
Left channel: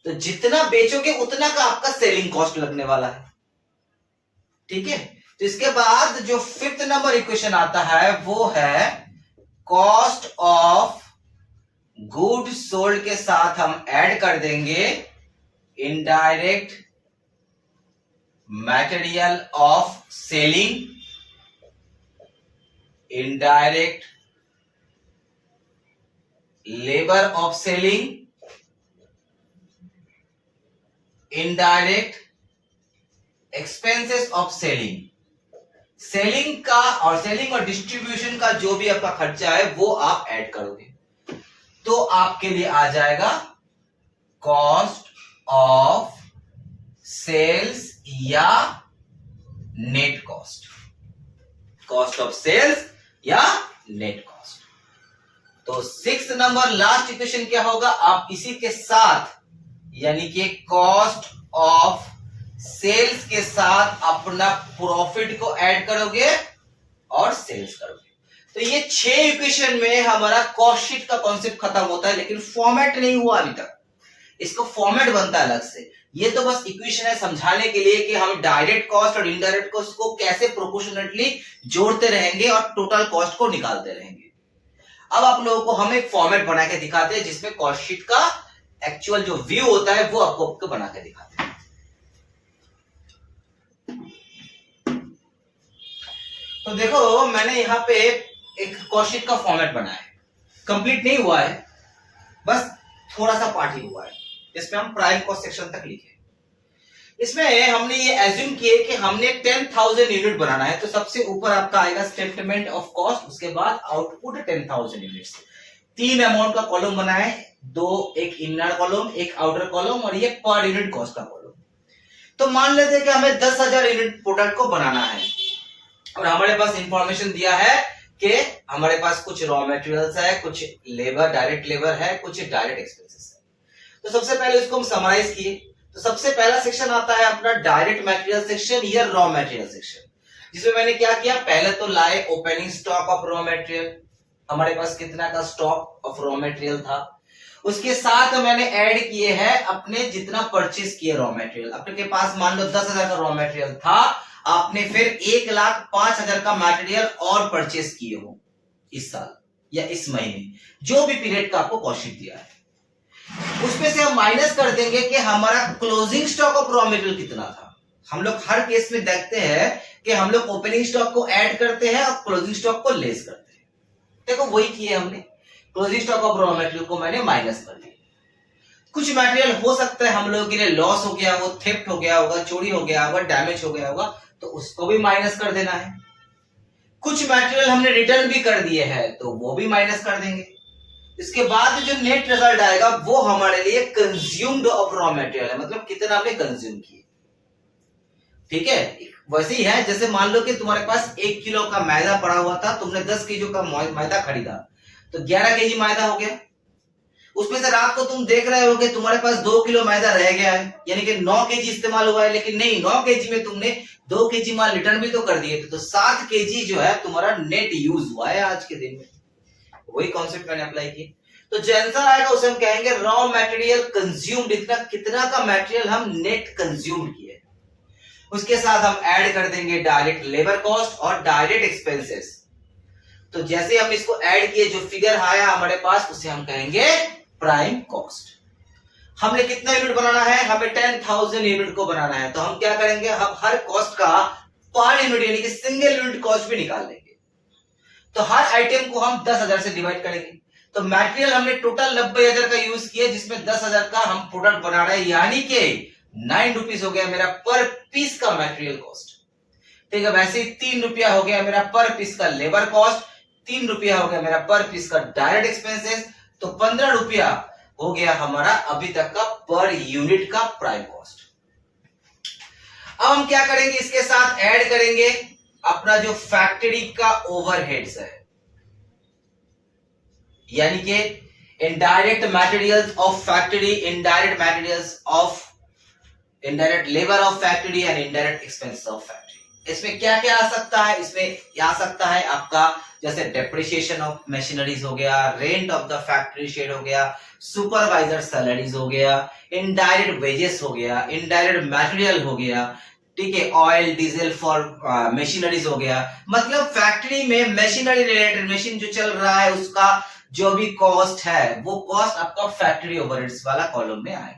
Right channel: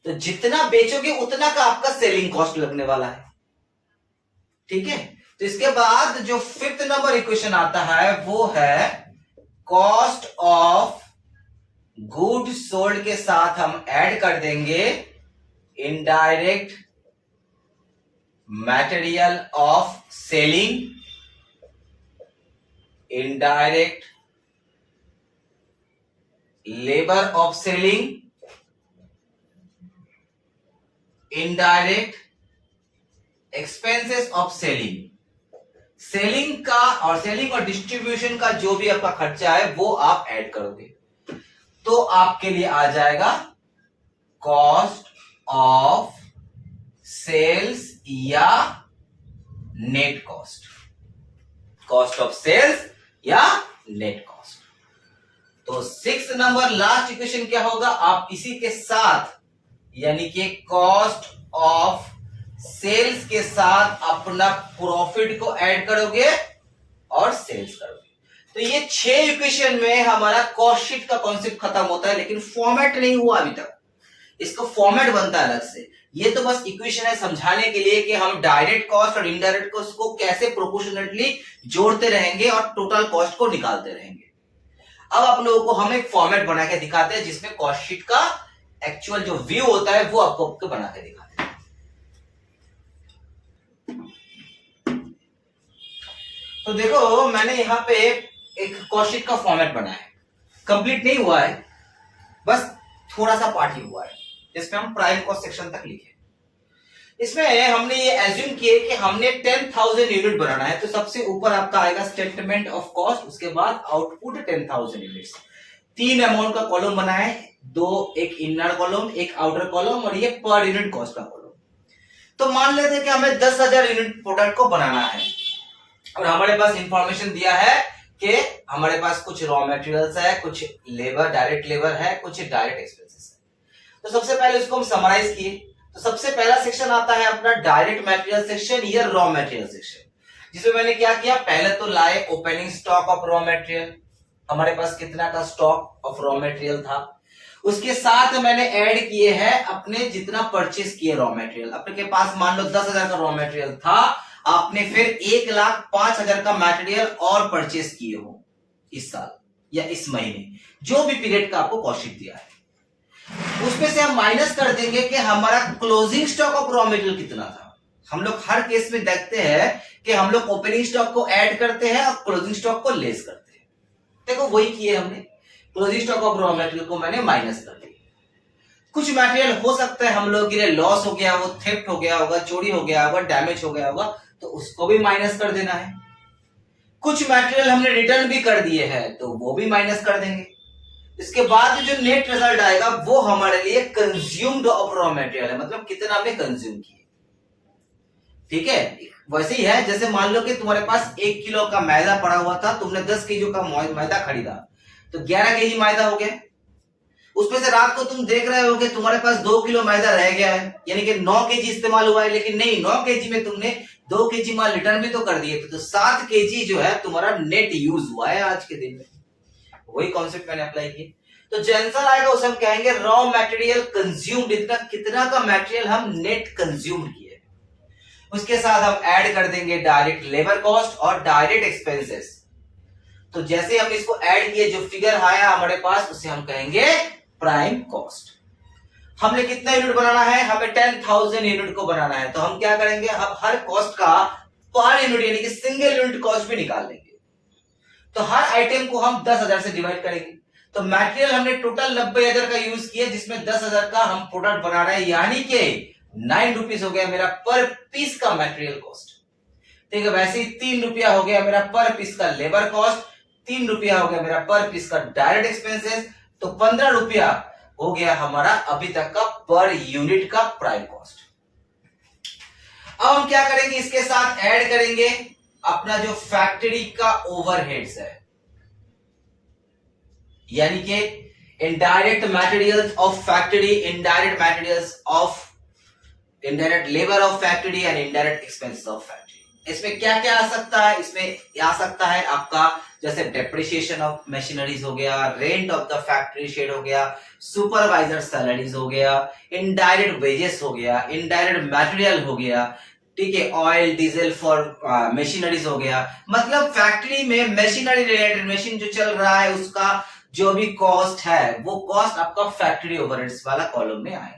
तो जितना बेचोगे उतना का आपका सेलिंग कॉस्ट लगने वाला है। ठीक है, तो इसके बाद जो 5th नंबर इक्वेशन आता है वो है कॉस्ट ऑफ गुड सोल्ड के साथ हम ऐड कर देंगे indirect material of selling, indirect labour of selling, indirect expenses of selling. Selling का और सेलिंग और डिस्ट्रीब्यूशन का जो भी आपका खर्चा है वो आप ऐड करोगे, तो आपके लिए आ जाएगा कॉस्ट ऑफ सेल्स या net cost. Cost of sales या नेट कॉस्ट। तो 6th नंबर लास्ट इक्वेशन क्या होगा? आप इसी के साथ यानी कि कॉस्ट ऑफ सेल्स के साथ अपना प्रॉफिट को ऐड करोगे और सेल्स करोगे। तो ये 6 इक्वेशन में हमारा कॉस्ट शीट का कॉन्सेप्ट खत्म होता है, लेकिन फॉर्मेट नहीं हुआ अभी तक। इसका फॉर्मेट बनता है अलग से। ये तो बस इक्वेशन है समझाने के लिए कि हम डायरेक्ट कॉस्ट और इनडायरेक्ट कॉस्ट को कैसे प्रोपोर्शनेटली जोड़ते रहेंगे और टोटल कॉस्ट को निकालते रहेंगे। अब आप लोगों को हम एक फॉर्मेट बना के दिखाते हैं जिसमें कॉस्ट शीट का एक्चुअल जो व्यू होता है वो आपको बना के दिखाते हैं। तो देखो मैंने यहां पे एक कॉस्ट शीट का फॉर्मेट बनाया है। कंप्लीट नहीं हुआ है, बस थोड़ा सा पार्ट ही हुआ है जिसमें हम प्राइम कॉस्ट सेक्शन तक लिखे। इसमें हमने ये एज्यूम किए कि हमने 10,000 यूनिट बनाना है, तो सबसे ऊपर आपका आएगा स्टेटमेंट ऑफ कॉस्ट, उसके बाद आउटपुट 10,000 यूनिट्स। 3 अमाउंट का कॉलम बना है, 2 एक इनर कॉलम एक आउटर कॉलम और ये पर यूनिट कॉस्ट का कॉलम। तो मान लेते हैं कि हमें 10,000 यूनिट प्रोडक्ट को बनाना है और हमारे पास इंफॉर्मेशन दिया है कि हमारे पास कुछ रॉ मटेरियल्स है, कुछ लेबर डायरेक्ट लेबर है, कुछ डायरेक्ट एक्सपेंसेस है। तो सबसे पहले इसको हम समराइज किए। तो सबसे पहला सेक्शन आता है अपना डायरेक्ट मटेरियल सेक्शन या रॉ मटेरियल सेक्शन। जिसमें मैंने क्या किया, पहले तो लाए opening stock of raw material, हमारे पास कितना का स्टॉक ऑफ रॉ मटेरियल था, उसके साथ मैंने ऐड किए हैं अपने जितना परचेस किए रॉ मटेरियल। आपके पास मान लो 10,000 का रॉ मटेरियल था, आपने फिर 1,05,000 का मटेरियल और परचेस किए हो इस साल या इस महीने, जो भी पीरियड का आपको कॉस्ट शीट दिया है, उसमें से हम माइनस कर देंगे कि हमारा closing stock of raw material कितना था। हम लोग हर केस में देखते हैं कि हम लोग ओपनिंग स्टॉक को ऐड करते हैं और क्लोजिंग स्टॉक को लेस करते हैं। देखो वही किए हमने, closing stock of raw material को मैंने माइनस कर दिया। कुछ मटेरियल हो सकता है हम लोगों के लिए लॉस हो गया, वो थेफ्ट हो गया होगा, चोरी हो गया होगा, डैमेज हो गया होगा, तो उसको भी माइनस कर देना है। कुछ मटेरियल हमने रिटर्न भी कर दिए हैं तो वो भी माइनस कर देंगे। इसके बाद जो नेट रिजल्ट आएगा वो हमारे लिए कंज्यूम्ड ऑफ रॉ मटेरियल है, मतलब कितना हमने कंज्यूम किया। ठीक है, वैसे ही है जैसे मान लो कि तुम्हारे पास 1 किलो का मैदा पड़ा हुआ था, तुमने 10 केजी का मैदा खरीदा तो 11 केजी मैदा हो गया। उसमें से रात को तुम देख रहे हो कि तुम्हारे पास 2 किलो मैदा रह गया है, यानी कि 9 केजी इस्तेमाल हुआ है, लेकिन नहीं, 9 केजी में तुमने 2 केजी माल रिटर्न भी तो कर दिए थे, तो 7 केजी जो है तुम्हारा नेट यूज हुआ है आज के दिन में। वही कॉन्सेप्ट मैंने अप्लाई किया। तो जो आंसर आएगा उसे हम कहेंगे रॉ मटेरियल कंज्यूम्ड, इतना कितना का मटेरियल हम नेट कंज्यूम किए। उसके साथ हम ऐड कर देंगे डायरेक्ट लेबर कॉस्ट और डायरेक्ट एक्सपेंसेस। तो जैसे हम इसको ऐड किए, जो फिगर आया हमारे पास उसे हम कहेंगे प्राइम कॉस्ट। हमने कितना यूनिट बनाना है, हमें 10,000 यूनिट को बनाना है, तो हम क्या करेंगे, अब हर कॉस्ट का पर यूनिट यानी कि सिंगल यूनिट कॉस्ट भी निकाल लेंगे। तो हर आइटम को हम 10,000 से डिवाइड करेंगे। तो मटेरियल हमने टोटल 90,000 का यूज किया, जिसमें 10,000 का हम प्रोडक्ट बना रहे हैं, यानी कि 9 रुपीज हो गया मेरा पर पीस का मटेरियल कॉस्ट। ठीक है, वैसे ही 3 रुपया हो गया मेरा पर पीस का लेबर कॉस्ट, 3 रुपया हो गया मेरा पर पीस का डायरेक्ट एक्सपेंसेस, तो 15 रुपया हो गया हमारा अभी तक का पर यूनिट का प्राइम कॉस्ट। अब हम क्या करेंगे, इसके साथ ऐड करेंगे अपना जो फैक्ट्री का ओवरहेड्स है, यानी कि indirect materials of factory, indirect materials of indirect labour of factory and indirect expenses of factory. इसमें क्या क्या आ सकता है, इसमें आ सकता है आपका जैसे डेप्रिसिएशन ऑफ मशीनरीज हो गया, rent of the factory shade हो गया, सुपरवाइजर सैलरीज हो गया, इनडायरेक्ट वेजेस हो गया, इनडायरेक्ट मटेरियल हो गया, ठीक है, ऑयल डीजल फॉर मशीनरीज हो गया। मतलब फैक्ट्री में मशीनरी रिलेटेड, मशीन जो चल रहा है उसका जो भी कॉस्ट है वो कॉस्ट आपका फैक्ट्री ओवरहेड्स वाला कॉलम में आएगा।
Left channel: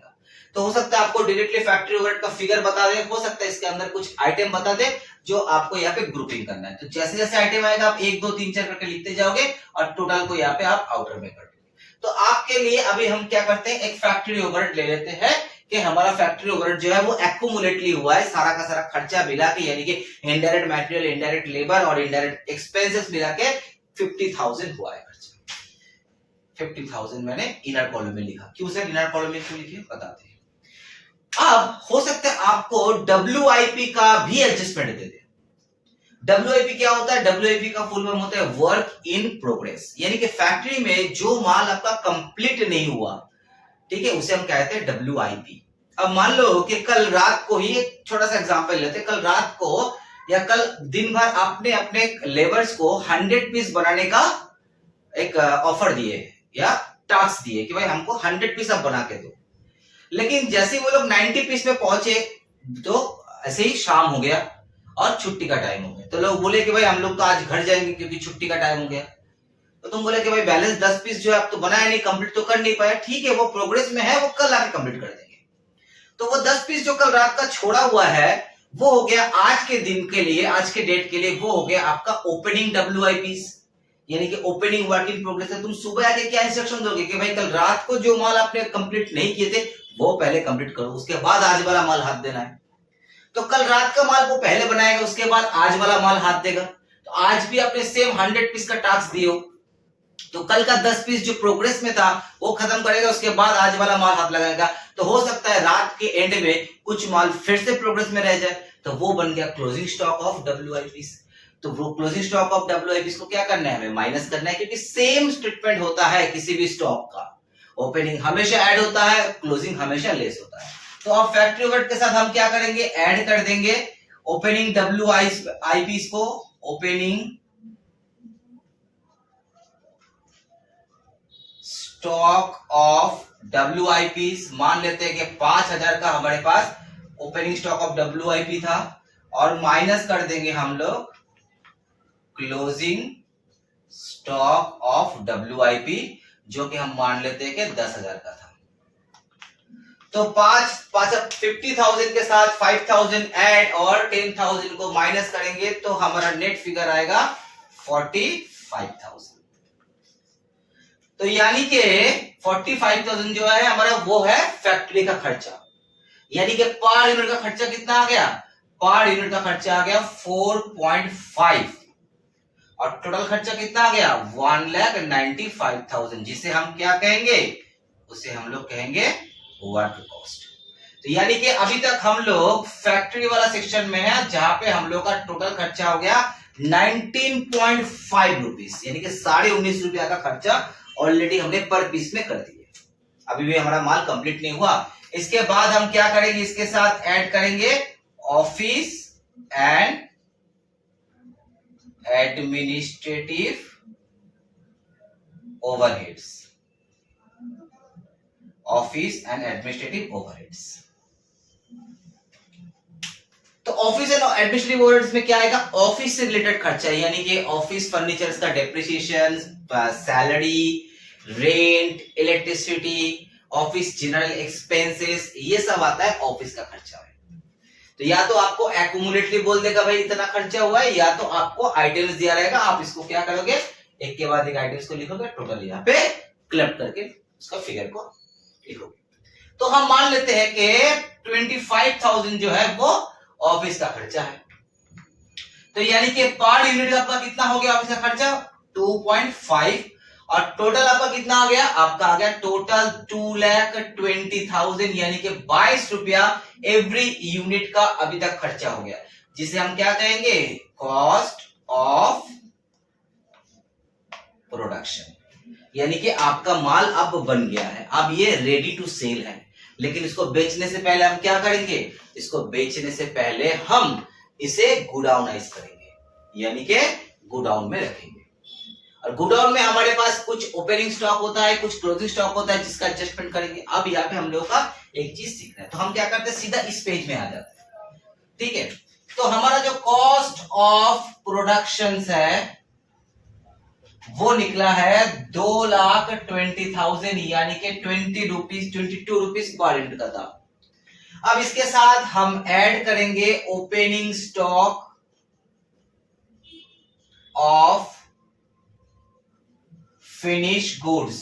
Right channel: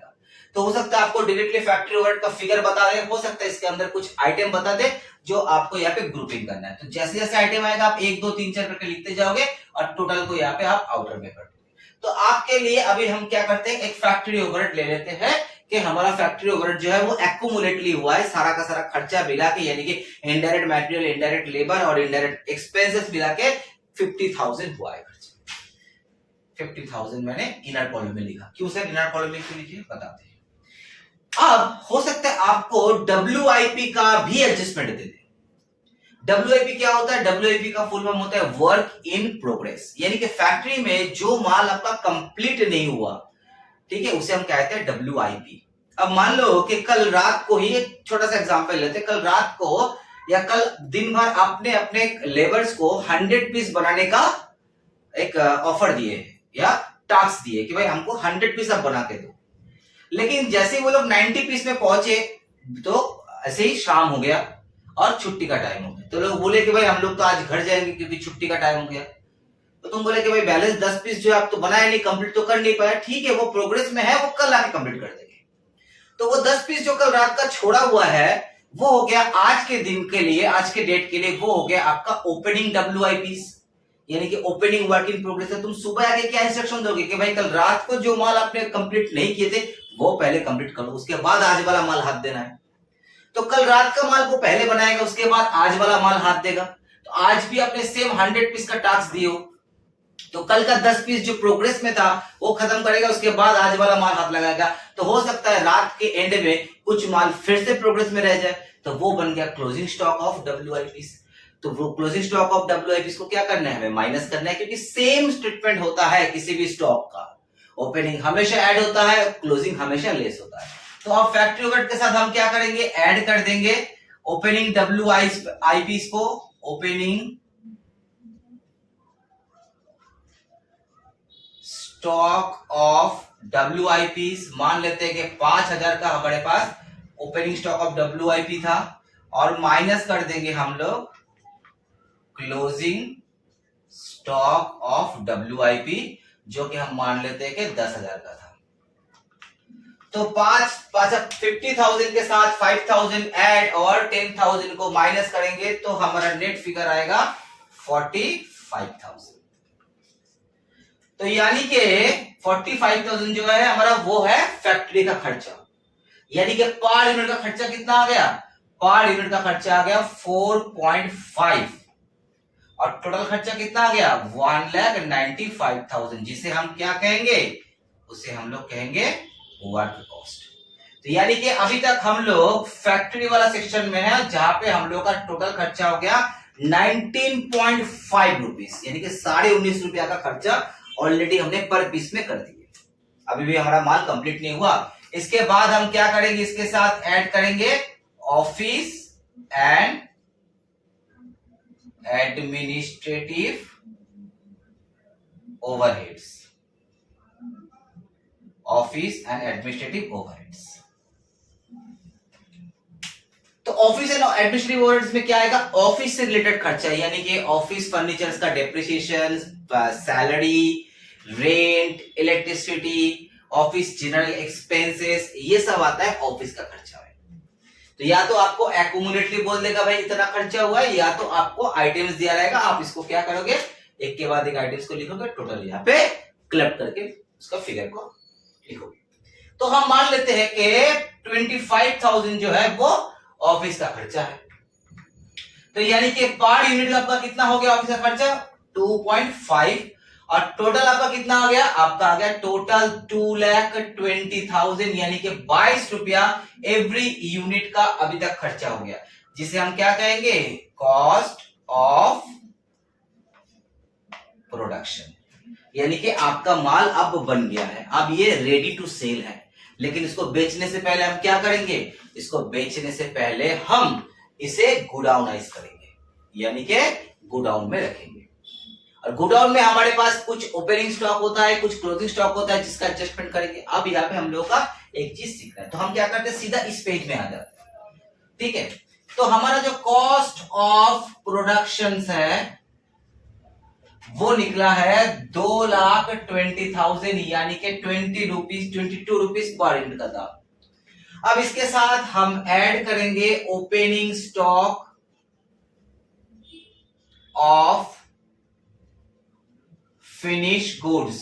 तो हो सकता है आपको डायरेक्टली फैक्ट्री ओवरहेड का फिगर बता दे, हो सकता है इसके अंदर कुछ आइटम बता दे जो आपको यहाँ पे ग्रुपिंग करना है। तो जैसे जैसे आइटम आएगा आप 1 2 3 4 करके लिखते जाओगे और टोटल को यहाँ पे आप आउटर में कर दोगे। तो आपके लिए अभी हम क्या करते हैं, एक फैक्ट्री ओवरहेड ले लेते हैं कि हमारा फैक्ट्री ओवरहेड जो है वो एक्यूमुलेटली हुआ है, सारा का सारा खर्चा मिला के, यानी कि इनडायरेक्ट मटेरियल, इनडायरेक्ट लेबर और इनडायरेक्ट एक्सपेंसेस मिला के 50,000 हुआ है खर्चा। 50,000 मैंने इनर कॉलम में लिखा। क्यों सर इनर कॉलम में क्यों लिखे, बताते हैं। अब हो सकता है आपको WIP का भी एडजस्टमेंट दे दे। WIP क्या होता है, WIP का फुल फॉर्म होता है वर्क इन प्रोग्रेस, यानी कि फैक्ट्री में जो माल आपका कंप्लीट नहीं हुआ, ठीक है, उसे हम कहते हैं WIP। अब मान लो कि कल रात को ही, एक छोटा सा एग्जांपल लेते हैं, कल रात को या कल दिन भर आपने अपने लेबर्स को 100 पीस बनाने का एक ऑफर दिए या टास्क दिए कि भाई हमको 100 पीस आप बना के दो, लेकिन जैसे वो लोग 90 पीस में पहुंचे तो ऐसे ही शाम हो गया और छुट्टी का टाइम हो गया। तो लोग बोले कि भाई हम लोग तो आज घर जाएंगे क्योंकि छुट्टी का टाइम हो गया। तो तुम बोले कि भाई बैलेंस 10 पीस जो है आप तो बनाए नहीं, कंप्लीट तो कर नहीं पाया, ठीक है वो प्रोग्रेस में है, वो कल आके कंप्लीट कर देंगे। तो वो 10 पीस जो कल रात का छोड़ा हुआ है वो हो गया आज के दिन के लिए, आज के डेट के लिए वो हो गया आपका ओपनिंग WIP, यानी कि ओपनिंग वर्क इन प्रोग्रेस है। तुम सुबह आके क्या इंस्ट्रक्शन दोगे कि भाई कल रात को जो माल आपने कंप्लीट नहीं किए थे वो पहले कंप्लीट करो, उसके बाद आज वाला माल हाथ देना है। तो कल रात का माल वो पहले बनाएगा, उसके बाद आज वाला माल हाथ देगा। तो आज भी अपने सेम 100 पीस का टास्क दियो, तो कल का 10 पीस जो प्रोग्रेस में था वो खत्म करेगा, उसके बाद आज वाला माल हाथ लगाएगा। तो हो सकता है रात के एंड में कुछ माल फिर से प्रोग्रेस में रह जाए, तो वो बन गया क्लोजिंग स्टॉक ऑफ WIP। तो वो क्लोजिंग स्टॉक ऑफ WIP को क्या करना है, हमें माइनस करना है, क्योंकि सेम ट्रीटमेंट होता है किसी भी स्टॉक का, ओपनिंग हमेशा ऐड होता है, क्लोजिंग हमेशा लेस होता है। तो अब फैक्ट्री ओवरहेड के साथ हम क्या करेंगे, ऐड कर देंगे ओपनिंग WIP को, ओपनिंग स्टॉक ऑफ WIP, मान लेते हैं कि 5000 का हमारे पास ओपनिंग स्टॉक ऑफ WIP था, और माइनस कर देंगे हम लोग क्लोजिंग स्टॉक ऑफ WIP, जो कि हम मान लेते हैं कि 10,000 का था। तो 50,000 के साथ 5,000 ऐड और 10,000 को माइनस करेंगे तो हमारा नेट फिगर आएगा 45,000। तो यानी कि 45,000 जो है हमारा वो है फैक्ट्री का खर्चा, यानी कि पर यूनिट का खर्चा कितना आ गया, पर यूनिट का खर्चा आ गया 4.5, और टोटल खर्चा कितना आ गया 1,95,000, जिसे हम क्या कहेंगे, उसे हम लोग कहेंगे वर्क कॉस्ट। तो यानी कि अभी तक हम लोग फैक्ट्री वाला सेक्शन में है, जहां पे हम लोग का टोटल खर्चा हो गया 19.5 रुपीज, यानी कि 19.5 रुपया का खर्चा ऑलरेडी हमने पर पीस में कर दिया। अभी भी हमारा माल कंप्लीट नहीं हुआ। इसके बाद हम क्या करेंगे, इसके साथ ऐड करेंगे office and administrative overheads, office and administrative overheads. तो ऑफिस एंड एडमिनिस्ट्रेटिव ओवरहेड्स में क्या आएगा, ऑफिस से रिलेटेड खर्चा, यानी कि ऑफिस फर्नीचर्स का depreciation, salary, rent, electricity, office general expenses, ये सब आता है ऑफिस का खर्चा है। तो या तो आपको एक्यूमुलेटली बोल देगा भाई इतना खर्चा हुआ है, या तो आपको आइटम्स दिया रहेगा, आप इसको क्या करोगे, एक के बाद एक आइटम्स को लिखोगे, टोटल यहाँ पे क्लब करके उसका फिगर को लिखोगे। तो हम मान लेते हैं कि 25,000 जो है वो ऑफिस का खर्चा है। तो यानी कि पर यूनिट आपका कितना हो गया ऑफिस का खर्चा 2.5, और टोटल आपका कितना आ गया, आपका आ गया टोटल 2,20,000, यानी कि 22 रुपया एवरी यूनिट का अभी तक खर्चा हो गया, जिसे हम क्या कहेंगे, कॉस्ट ऑफ प्रोडक्शन। यानी कि आपका माल अब बन गया है, अब ये रेडी टू सेल है, लेकिन इसको बेचने से पहले हम क्या करेंगे, इसको बेचने से पहले हम इसे गुडाउनाइज करेंगे, यानी कि गुडाउन में रखेंगे। और गुडाउन में हमारे पास कुछ ओपनिंग स्टॉक होता है, कुछ क्लोजिंग स्टॉक होता है, जिसका एडजस्टमेंट करेंगे। अब यहाँ पे हम लोगों का एक चीज सीखना है, तो हम क्या करते हैं, सीधा इस पेज में आ जाते हैं। ठीक है, तो हमारा जो कॉस्ट ऑफ प्रोडक्शन है वो निकला है 2,20,000, यानी कि 22 रुपीज पर यूनिट का दाम। अब इसके साथ हम ऐड करेंगे opening stock of finish goods.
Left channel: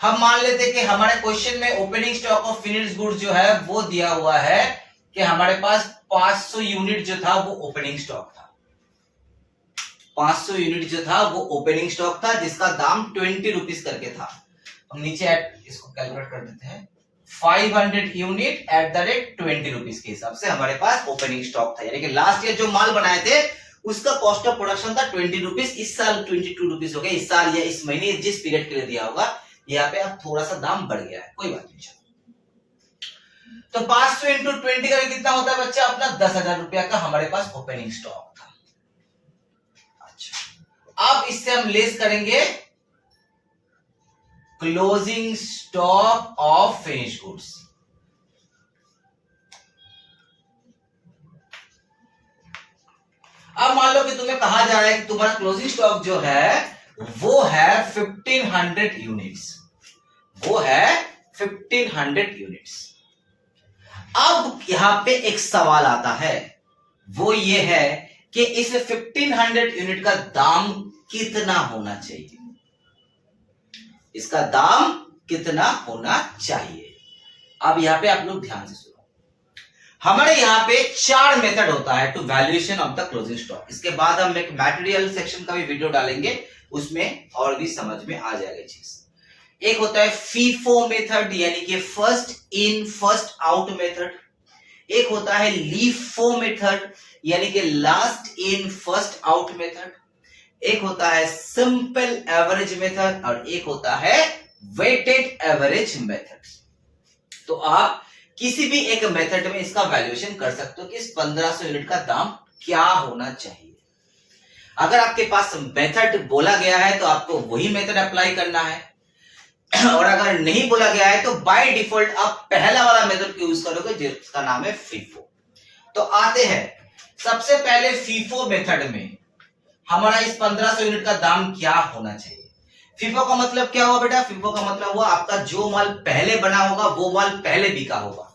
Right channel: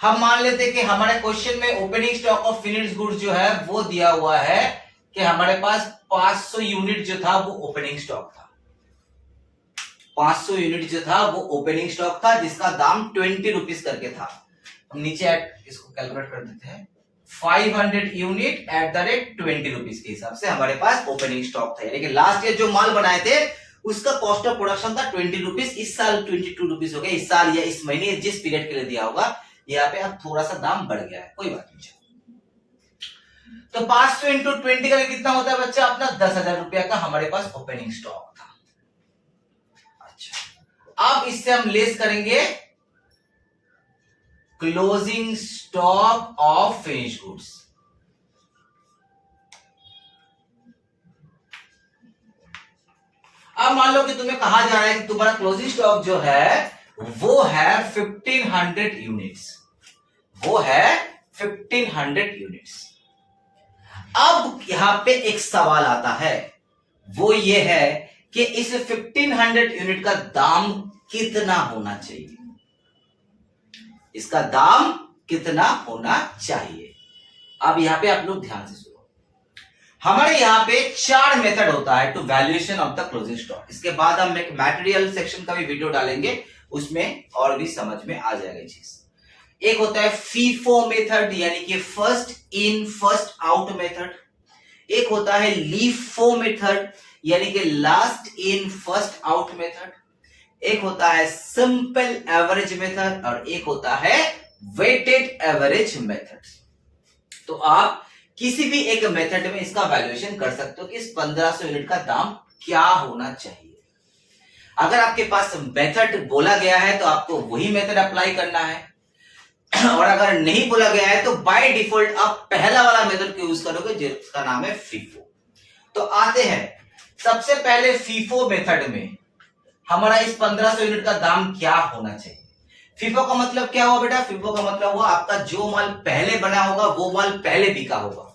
हम मान लेते हैं कि हमारे क्वेश्चन में opening stock of finish goods जो है वो दिया हुआ है कि हमारे पास 500 यूनिट जो था वो ओपनिंग स्टॉक था, 500 यूनिट जो था वो ओपनिंग स्टॉक था, जिसका दाम 20 रुपीज करके था। हम नीचे इसको कैलकुलेट कर देते हैं, 500 unit at the rate 20 rupees के हिसाब से हमारे पास ओपनिंग स्टॉक था, यानी कि लास्ट ईयर जो माल बनाए थे उसका कॉस्ट ऑफ प्रोडक्शन था 20 रुपीज, इस साल 22 रुपीज हो गया, इस साल या इस महीने जिस पीरियड के लिए दिया होगा, यहाँ पे अब थोड़ा सा दाम बढ़ गया है, कोई बात नहीं। तो 500 इंटू 20 का कितना होता है बच्चा, अपना 10,000 रुपया का हमारे पास ओपनिंग स्टॉक था। अच्छा, अब इससे हम लेस करेंगे closing stock of finish goods. अब मान लो कि तुम्हें कहा जा रहा है कि तुम्हारा क्लोजिंग स्टॉक जो है वो है 1500 यूनिट्स, वो है 1500 यूनिट्स। अब यहां पे एक सवाल आता है, वो ये है कि इस 1500 यूनिट का दाम कितना होना चाहिए, इसका दाम कितना होना चाहिए। अब यहां पे आप लोग ध्यान से सुनो, हमारे यहां पे 4 मेथड होता है to valuation of the closing stock. इसके बाद हम एक मटेरियल सेक्शन का भी वीडियो डालेंगे, उसमें और भी समझ में आ जाएगा चीज। एक होता है फीफो मेथड, यानी कि first in first out method. एक होता है लीफो मेथड, यानी कि last in first out method. एक होता है सिंपल एवरेज मेथड, और एक होता है वेटेड एवरेज मेथड। तो आप किसी भी एक मेथड में इसका वैल्यूएशन कर सकते हो कि इस 1500 यूनिट का दाम क्या होना चाहिए। अगर आपके पास मेथड बोला गया है तो आपको वही मेथड अप्लाई करना है, और अगर नहीं बोला गया है तो बाय डिफॉल्ट आप पहला वाला मेथड को यूज करोगे जिसका नाम है फीफो। तो आते हैं सबसे पहले फीफो मेथड में हमारा इस 1500 यूनिट का दाम क्या होना चाहिए। फीफो का मतलब क्या हुआ बेटा? फीफो का मतलब हुआ आपका जो माल पहले बना होगा वो माल पहले बिका होगा।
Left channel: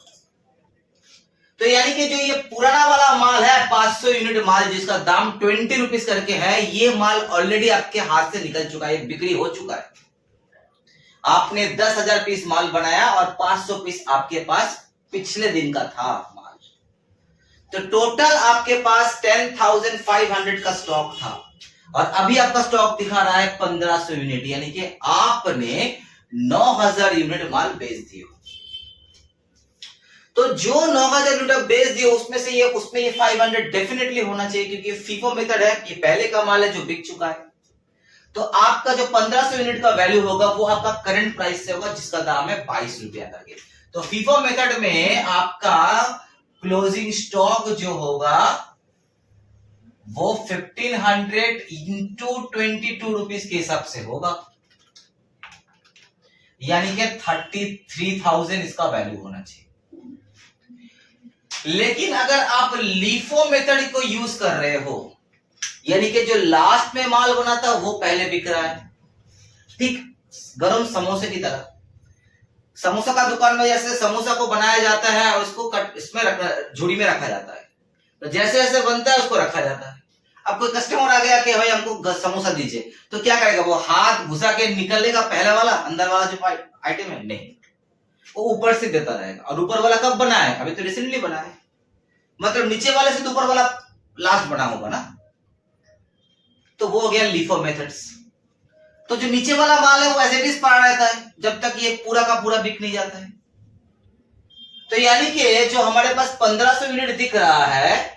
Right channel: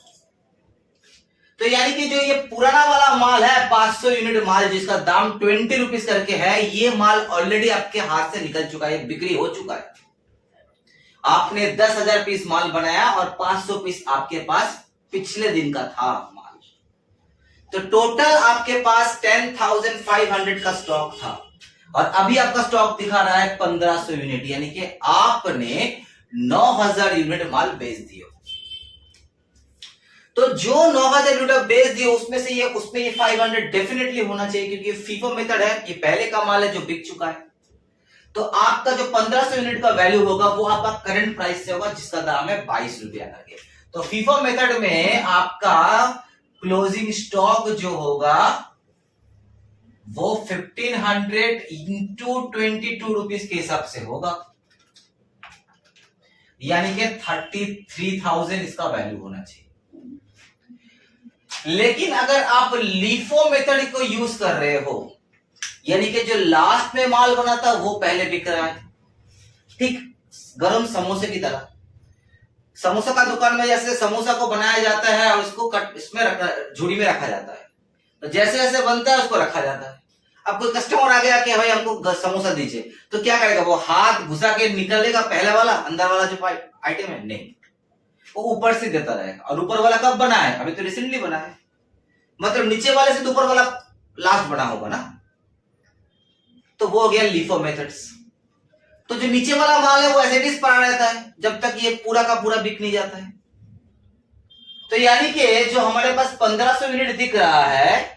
तो यानी कि जो ये पुराना वाला माल है 500 यूनिट माल जिसका दाम 20 रुपीज करके है, ये माल ऑलरेडी आपके हाथ से निकल चुका है, बिक्री हो चुका है। आपने 10,000 पीस माल बनाया और 500 पीस आपके पास पिछले दिन का था माल। तो टोटल आपके पास 10,500 का स्टॉक था और अभी आपका स्टॉक दिखा रहा है 1500 यूनिट, यानी कि आपने 9,000 यूनिट माल बेच दिया। तो जो 9,000 यूनिट बेच दिए उसमें ये 500 डेफिनेटली होना चाहिए, क्योंकि फीफो मेथड है, ये पहले का माल है जो बिक चुका है। तो आपका जो 1500 यूनिट का वैल्यू होगा वो आपका करंट प्राइस से होगा जिसका दाम है 22 रुपया करके। तो फीफो मेथड में आपका क्लोजिंग स्टॉक जो होगा वो 1500 इंटू 22 रुपीज के हिसाब से होगा, यानी कि 33,000 इसका वैल्यू होना चाहिए। लेकिन अगर आप लीफो मेथड को यूज कर रहे हो, यानी कि जो लास्ट में माल बना था वो पहले बिक रहा है, ठीक गरम समोसे की तरह। समोसा का दुकान में जैसे समोसा को बनाया जाता है और उसको इसमें झुड़ी में रखा जाता है, तो जैसे जैसे बनता है उसको रखा जाता है। अब कोई कस्टमर आ गया कि भाई हमको समोसा दीजिए, तो क्या करेगा? वो हाथ घुसा के निकलेगा पहले वाला, अंदर वाला जो आइटम है नहीं, वो ऊपर से देता रहेगा। और ऊपर वाला कब बना है? अभी तो रिसेंटली बना है, मतलब नीचे वाले से तो ऊपर वाला लास्ट बना होगा ना। तो वो हो गया लीफो मेथड्स। तो जो नीचे वाला माल है वो एज इट इज पड़ा रहता है जब तक ये पूरा का पूरा बिक नहीं जाता है। तो यानी कि जो हमारे पास 1500 यूनिट दिख रहा है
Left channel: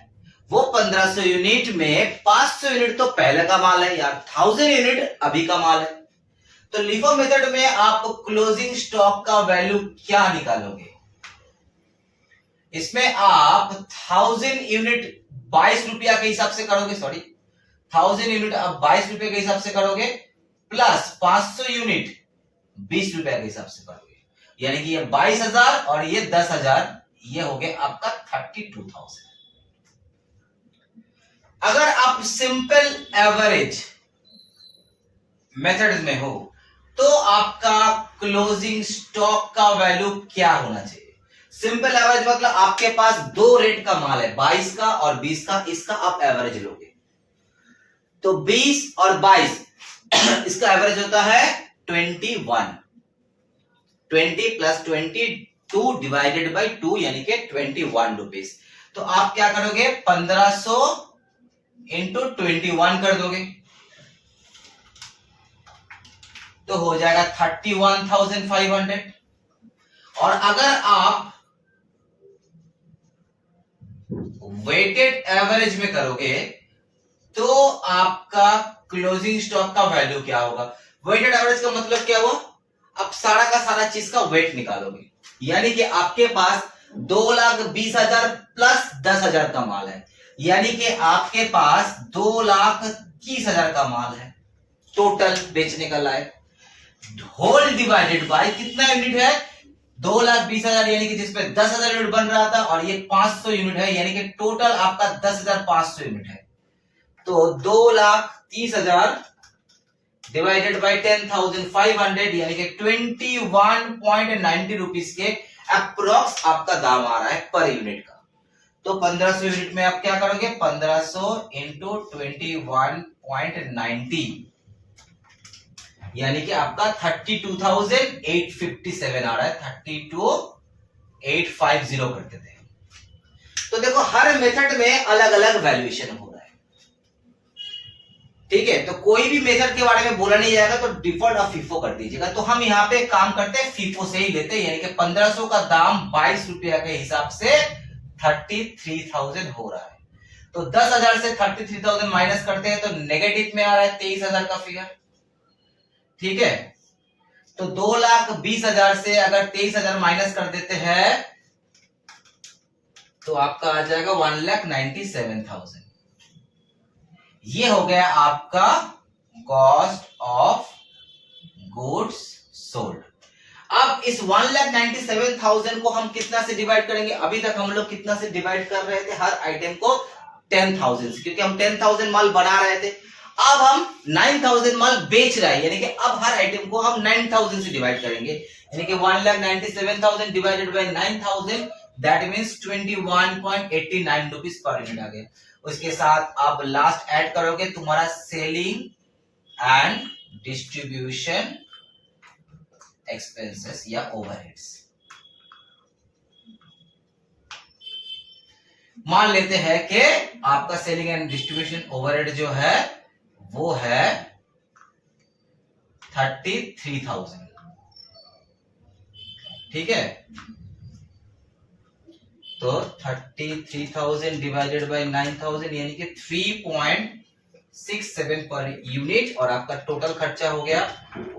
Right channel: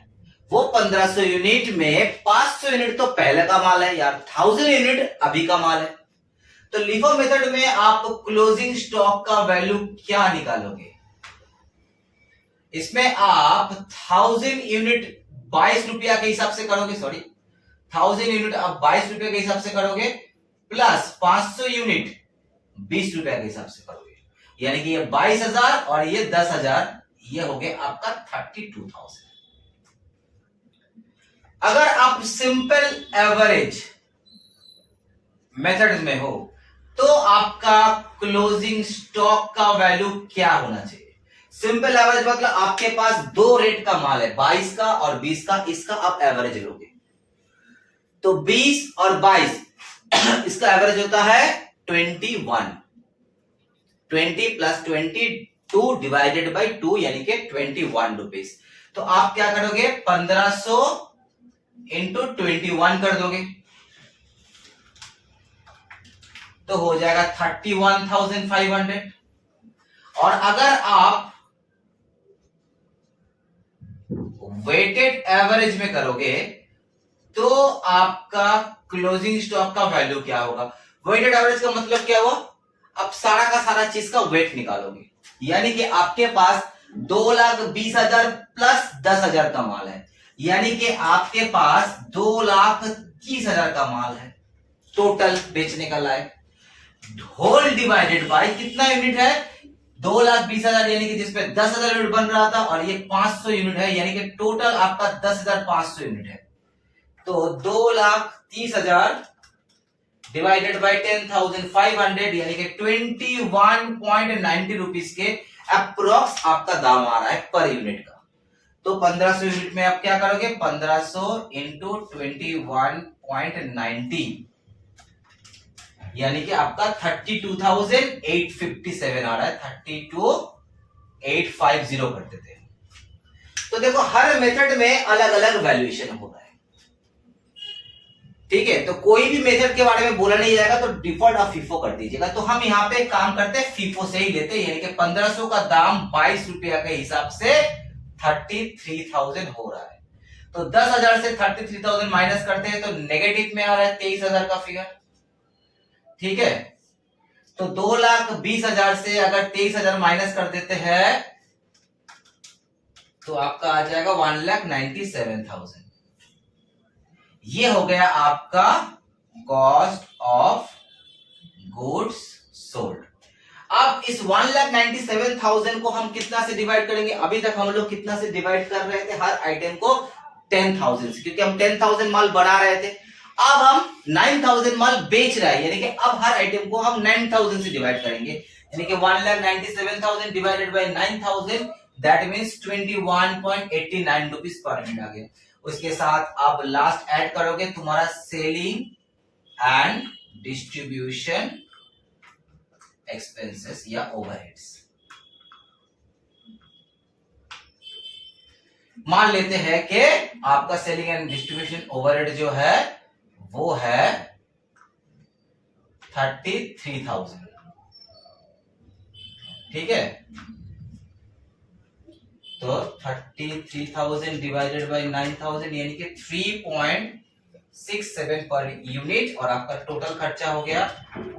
वो 1500 यूनिट में 500 यूनिट तो पहले का माल है यार, 1000 यूनिट अभी का माल है। तो लीफो मेथड में आप क्लोजिंग स्टॉक का वैल्यू क्या निकालोगे? इसमें आप 1000 यूनिट 22 रुपया के हिसाब से करोगे, 1000 यूनिट आप 22 रुपये के हिसाब से करोगे, प्लस 500 यूनिट 20 रुपया के हिसाब से करोगे, यानी कि ये 22,000 और ये 10,000, ये हो गया आपका 32,000। अगर आप सिंपल एवरेज मेथड में हो तो आपका क्लोजिंग स्टॉक का वैल्यू क्या होना चाहिए? सिंपल एवरेज मतलब आपके पास दो रेट का माल है, 22 का और 20 का, इसका आप एवरेज लोगे। तो 20 और 22 इसका एवरेज होता है 21। 20 प्लस 22 डिवाइडेड बाई 2 यानी कि 21 रुपीज। तो आप क्या करोगे? 1500 इंटू 21 कर दोगे तो हो जाएगा 31,500। और अगर आप वेटेड एवरेज में करोगे तो आपका क्लोजिंग स्टॉक का वैल्यू क्या होगा? वेटेड एवरेज का मतलब क्या हुआ? अब सारा का सारा चीज का वेट निकालोगे, यानी कि आपके पास 2,20,000 प्लस 10,000 का माल है, यानी कि आपके पास 2,30,000 का माल है टोटल बेचने का लायक। होल डिवाइडेड बाय कितना यूनिट है? 2,20,000, यानी कि जिसपे 10,000 यूनिट बन रहा था और ये 500 यूनिट है, यानी कि टोटल आपका 10,500 यूनिट है। तो 2,30,000 डिवाइडेड बाय 10,500 यानी कि 21.90 रुपीज के अप्रोक्स आपका दाम आ रहा है पर यूनिट का। तो 1500 यूनिट में आप क्या करोगे? 1500 इंटू 21.90 यानी कि आपका 32,857 आ रहा है, 32,850 करते थे। तो देखो हर मेथड में अलग अलग वैल्यूएशन हो रहा है, ठीक है। तो कोई भी मेथड के बारे में बोला नहीं जाएगा तो डिफॉल्ट आप फीफो कर दीजिएगा। तो हम यहाँ पे काम करते हैं फीफो से ही लेते हैं, यानी कि 1500 का दाम 22 रुपया के हिसाब से 33,000 हो रहा है। तो 10,000 से 33,000 माइनस करते हैं तो नेगेटिव में आ रहा है 23,000 का फिगर, ठीक है। तो 2,20,000 से अगर 23,000 माइनस कर देते हैं तो आपका आ जाएगा 1,97,000। ये हो गया आपका कॉस्ट ऑफ गुड्स सोल्ड। अब इस 1,97,000 को हम कितना से डिवाइड करेंगे? अभी तक हम लोग कितना से डिवाइड कर रहे थे हर आइटम को? 10,000 से, क्योंकि हम 10,000 माल बना रहे थे। अब हम 9,000 माल बेच रहे हैं, यानी कि अब हर आइटम को हम 9,000 से डिवाइड करेंगे, यानी कि 1,97,000 divided by 9,000, that means 21.89 rupees per unit आ गया। उसके साथ आप लास्ट ऐड करोगे तुम्हारा सेलिंग एंड डिस्ट्रीब्यूशन एक्सपेंसेस या ओवरहेड्स। मान लेते हैं कि आपका सेलिंग एंड डिस्ट्रीब्यूशन ओवरहेड जो है वो है 33,000, ठीक है। तो 33,000 डिवाइडेड बाय 9,000 यानी कि 3.67 पर यूनिट, और आपका टोटल खर्चा हो गया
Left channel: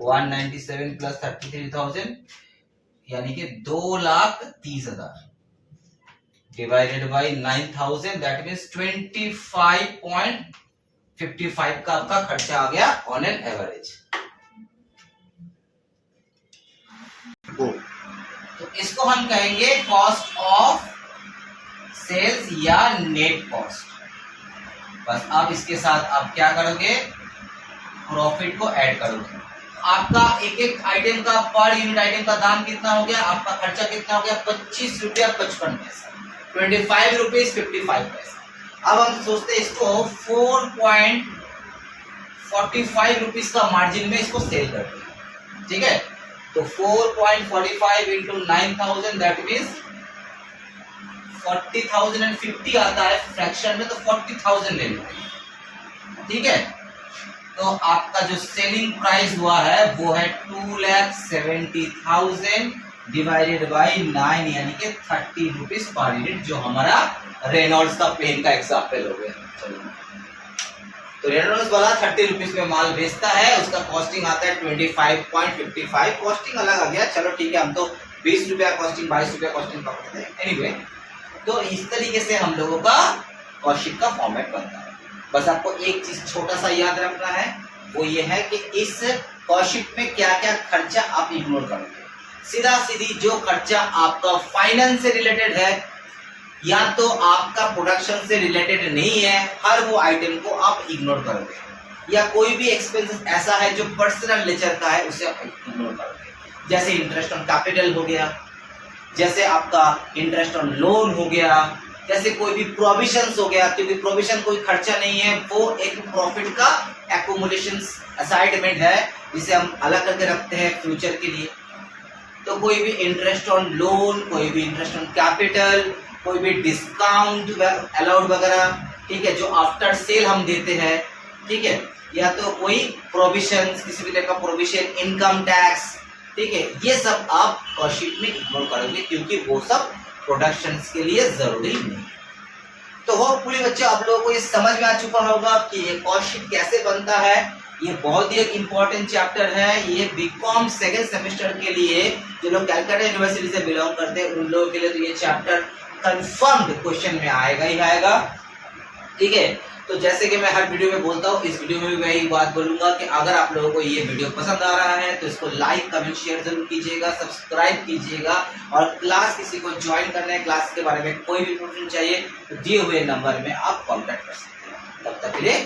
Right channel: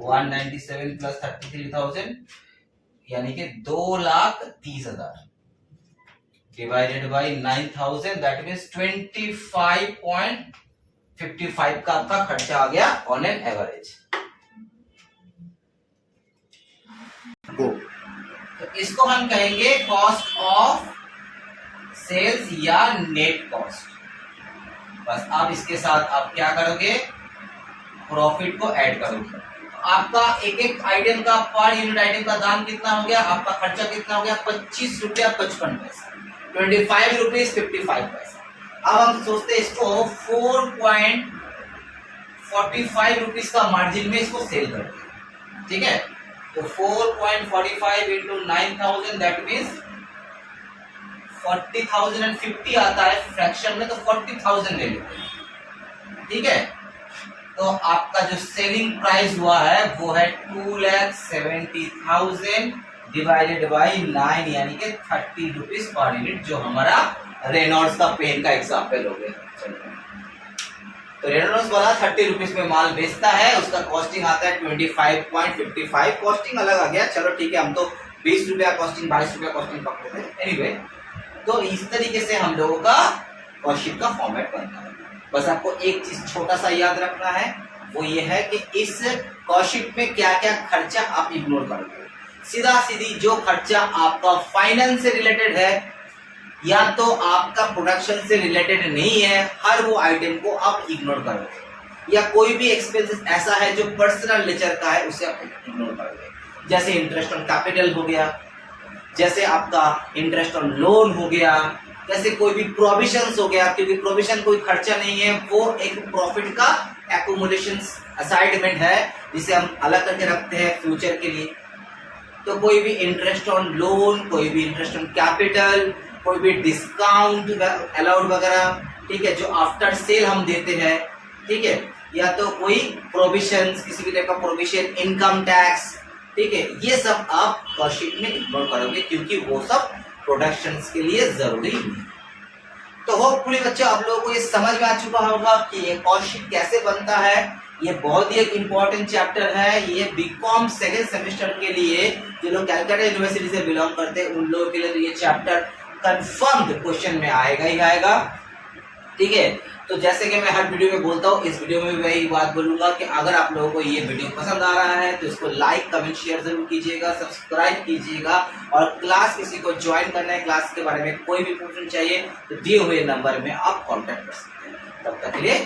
197 प्लस 33,000 यानी कि 2,30,000 डिवाइडेड बाय 9,000, दैट मींस 25.55 का आपका खर्चा आ गया ऑन एन एवरेज। तो इसको हम कहेंगे कॉस्ट ऑफ सेल्स या नेट कॉस्ट। बस अब इसके साथ आप क्या करोगे? प्रॉफिट को ऐड करोगे। आपका एक एक आइटम का, पर यूनिट आइटम का दाम कितना हो गया? आपका खर्चा कितना हो गया? 25 रुपया 55 पैसा, 25 रुपीज 55 पैसा। अब हम सोचते हैं इसको 4.45 रुपीज का मार्जिन में इसको सेल करते हैं, ठीक है। तो 4.45 इंटू 9,000 दैट मीन्स 40,050 आता है फ्रैक्शन में, तो 40,000 ले लो, ठीक है। तो आपका जो सेलिंग प्राइस हुआ है वो है 2,70,000 डिवाइडेड बाय 9 यानी कि 30 रुपीज पर यूनिट, जो हमारा रेनॉल्ड्स का पेन का एग्जाम्पल हो गया। तो रेनॉल्ड्स वाला 30 रुपीज में माल बेचता है, उसका कॉस्टिंग आता है 25.55। कॉस्टिंग अलग आ गया, चलो ठीक है, हम तो 20 रुपया कॉस्टिंग 22 रुपया कॉस्टिंग पकड़ते थे। एनीवे, तो इस तरीके से हम लोगों का कॉस्ट शीट का फॉर्मेट बनता है। बस आपको एक चीज छोटा सा याद रखना है, वो ये है कि इस कॉस्ट शीट में क्या क्या खर्चा आप इग्नोर करोगे। सीधा सीधी जो खर्चा आपका फाइनेंस से रिलेटेड है या तो आपका प्रोडक्शन से रिलेटेड नहीं है, हर वो आइटम को आप इग्नोर करोगे। या कोई भी एक्सपेंसेस ऐसा है जो पर्सनल नेचर का है, उसे आप इग्नोर करोगे। जैसे इंटरेस्ट ऑन कैपिटल हो गया, जैसे आपका इंटरेस्ट ऑन लोन हो गया, जैसे कोई भी प्रोविजंस हो गया, क्योंकि प्रोविजन कोई खर्चा नहीं है, वो एक प्रॉफिट का एक्यूमुलेशन असाइडमेंट है जिसे हम अलग करके रखते हैं फ्यूचर के लिए। तो कोई भी इंटरेस्ट ऑन लोन, कोई भी इंटरेस्ट ऑन कैपिटल, कोई भी डिस्काउंट अलाउड वगैरह, ठीक है, जो आफ्टर सेल हम देते हैं, ठीक है, या तो कोई प्रोविजंस, किसी भी टाइप का प्रोविजन, इनकम टैक्स, ठीक है, ये सब आप कॉस्ट शीट में इग्नोर करोगे क्योंकि वो सब प्रोडक्शंस के लिए जरूरी नहीं। तो होपफुली बच्चों आप लोगों को ये समझ में आ चुका होगा कि ये कॉस्ट शीट कैसे बनता है। ये बहुत ही एक इम्पोर्टेंट चैप्टर है। ये बीकॉम सेकेंड सेमेस्टर के लिए जो लोग कैलकाटा यूनिवर्सिटी से बिलोंग करते हैं उन लोगों के लिए तो ये चैप्टर कंफर्म्ड क्वेश्चन में आएगा ही आएगा, ठीक है। तो जैसे कि मैं हर वीडियो में बोलता हूँ, इस वीडियो में भी वही बात बोलूंगा कि अगर आप लोगों को ये वीडियो पसंद आ रहा है तो इसको लाइक कमेंट शेयर जरूर कीजिएगा, सब्सक्राइब कीजिएगा, और क्लास किसी को ज्वाइन करना है, क्लास के बारे में कोई भी प्रश्न चाहिए तो दिए हुए नंबर में आप कॉन्टेक्ट कर सकते हैं। तब तक के लिए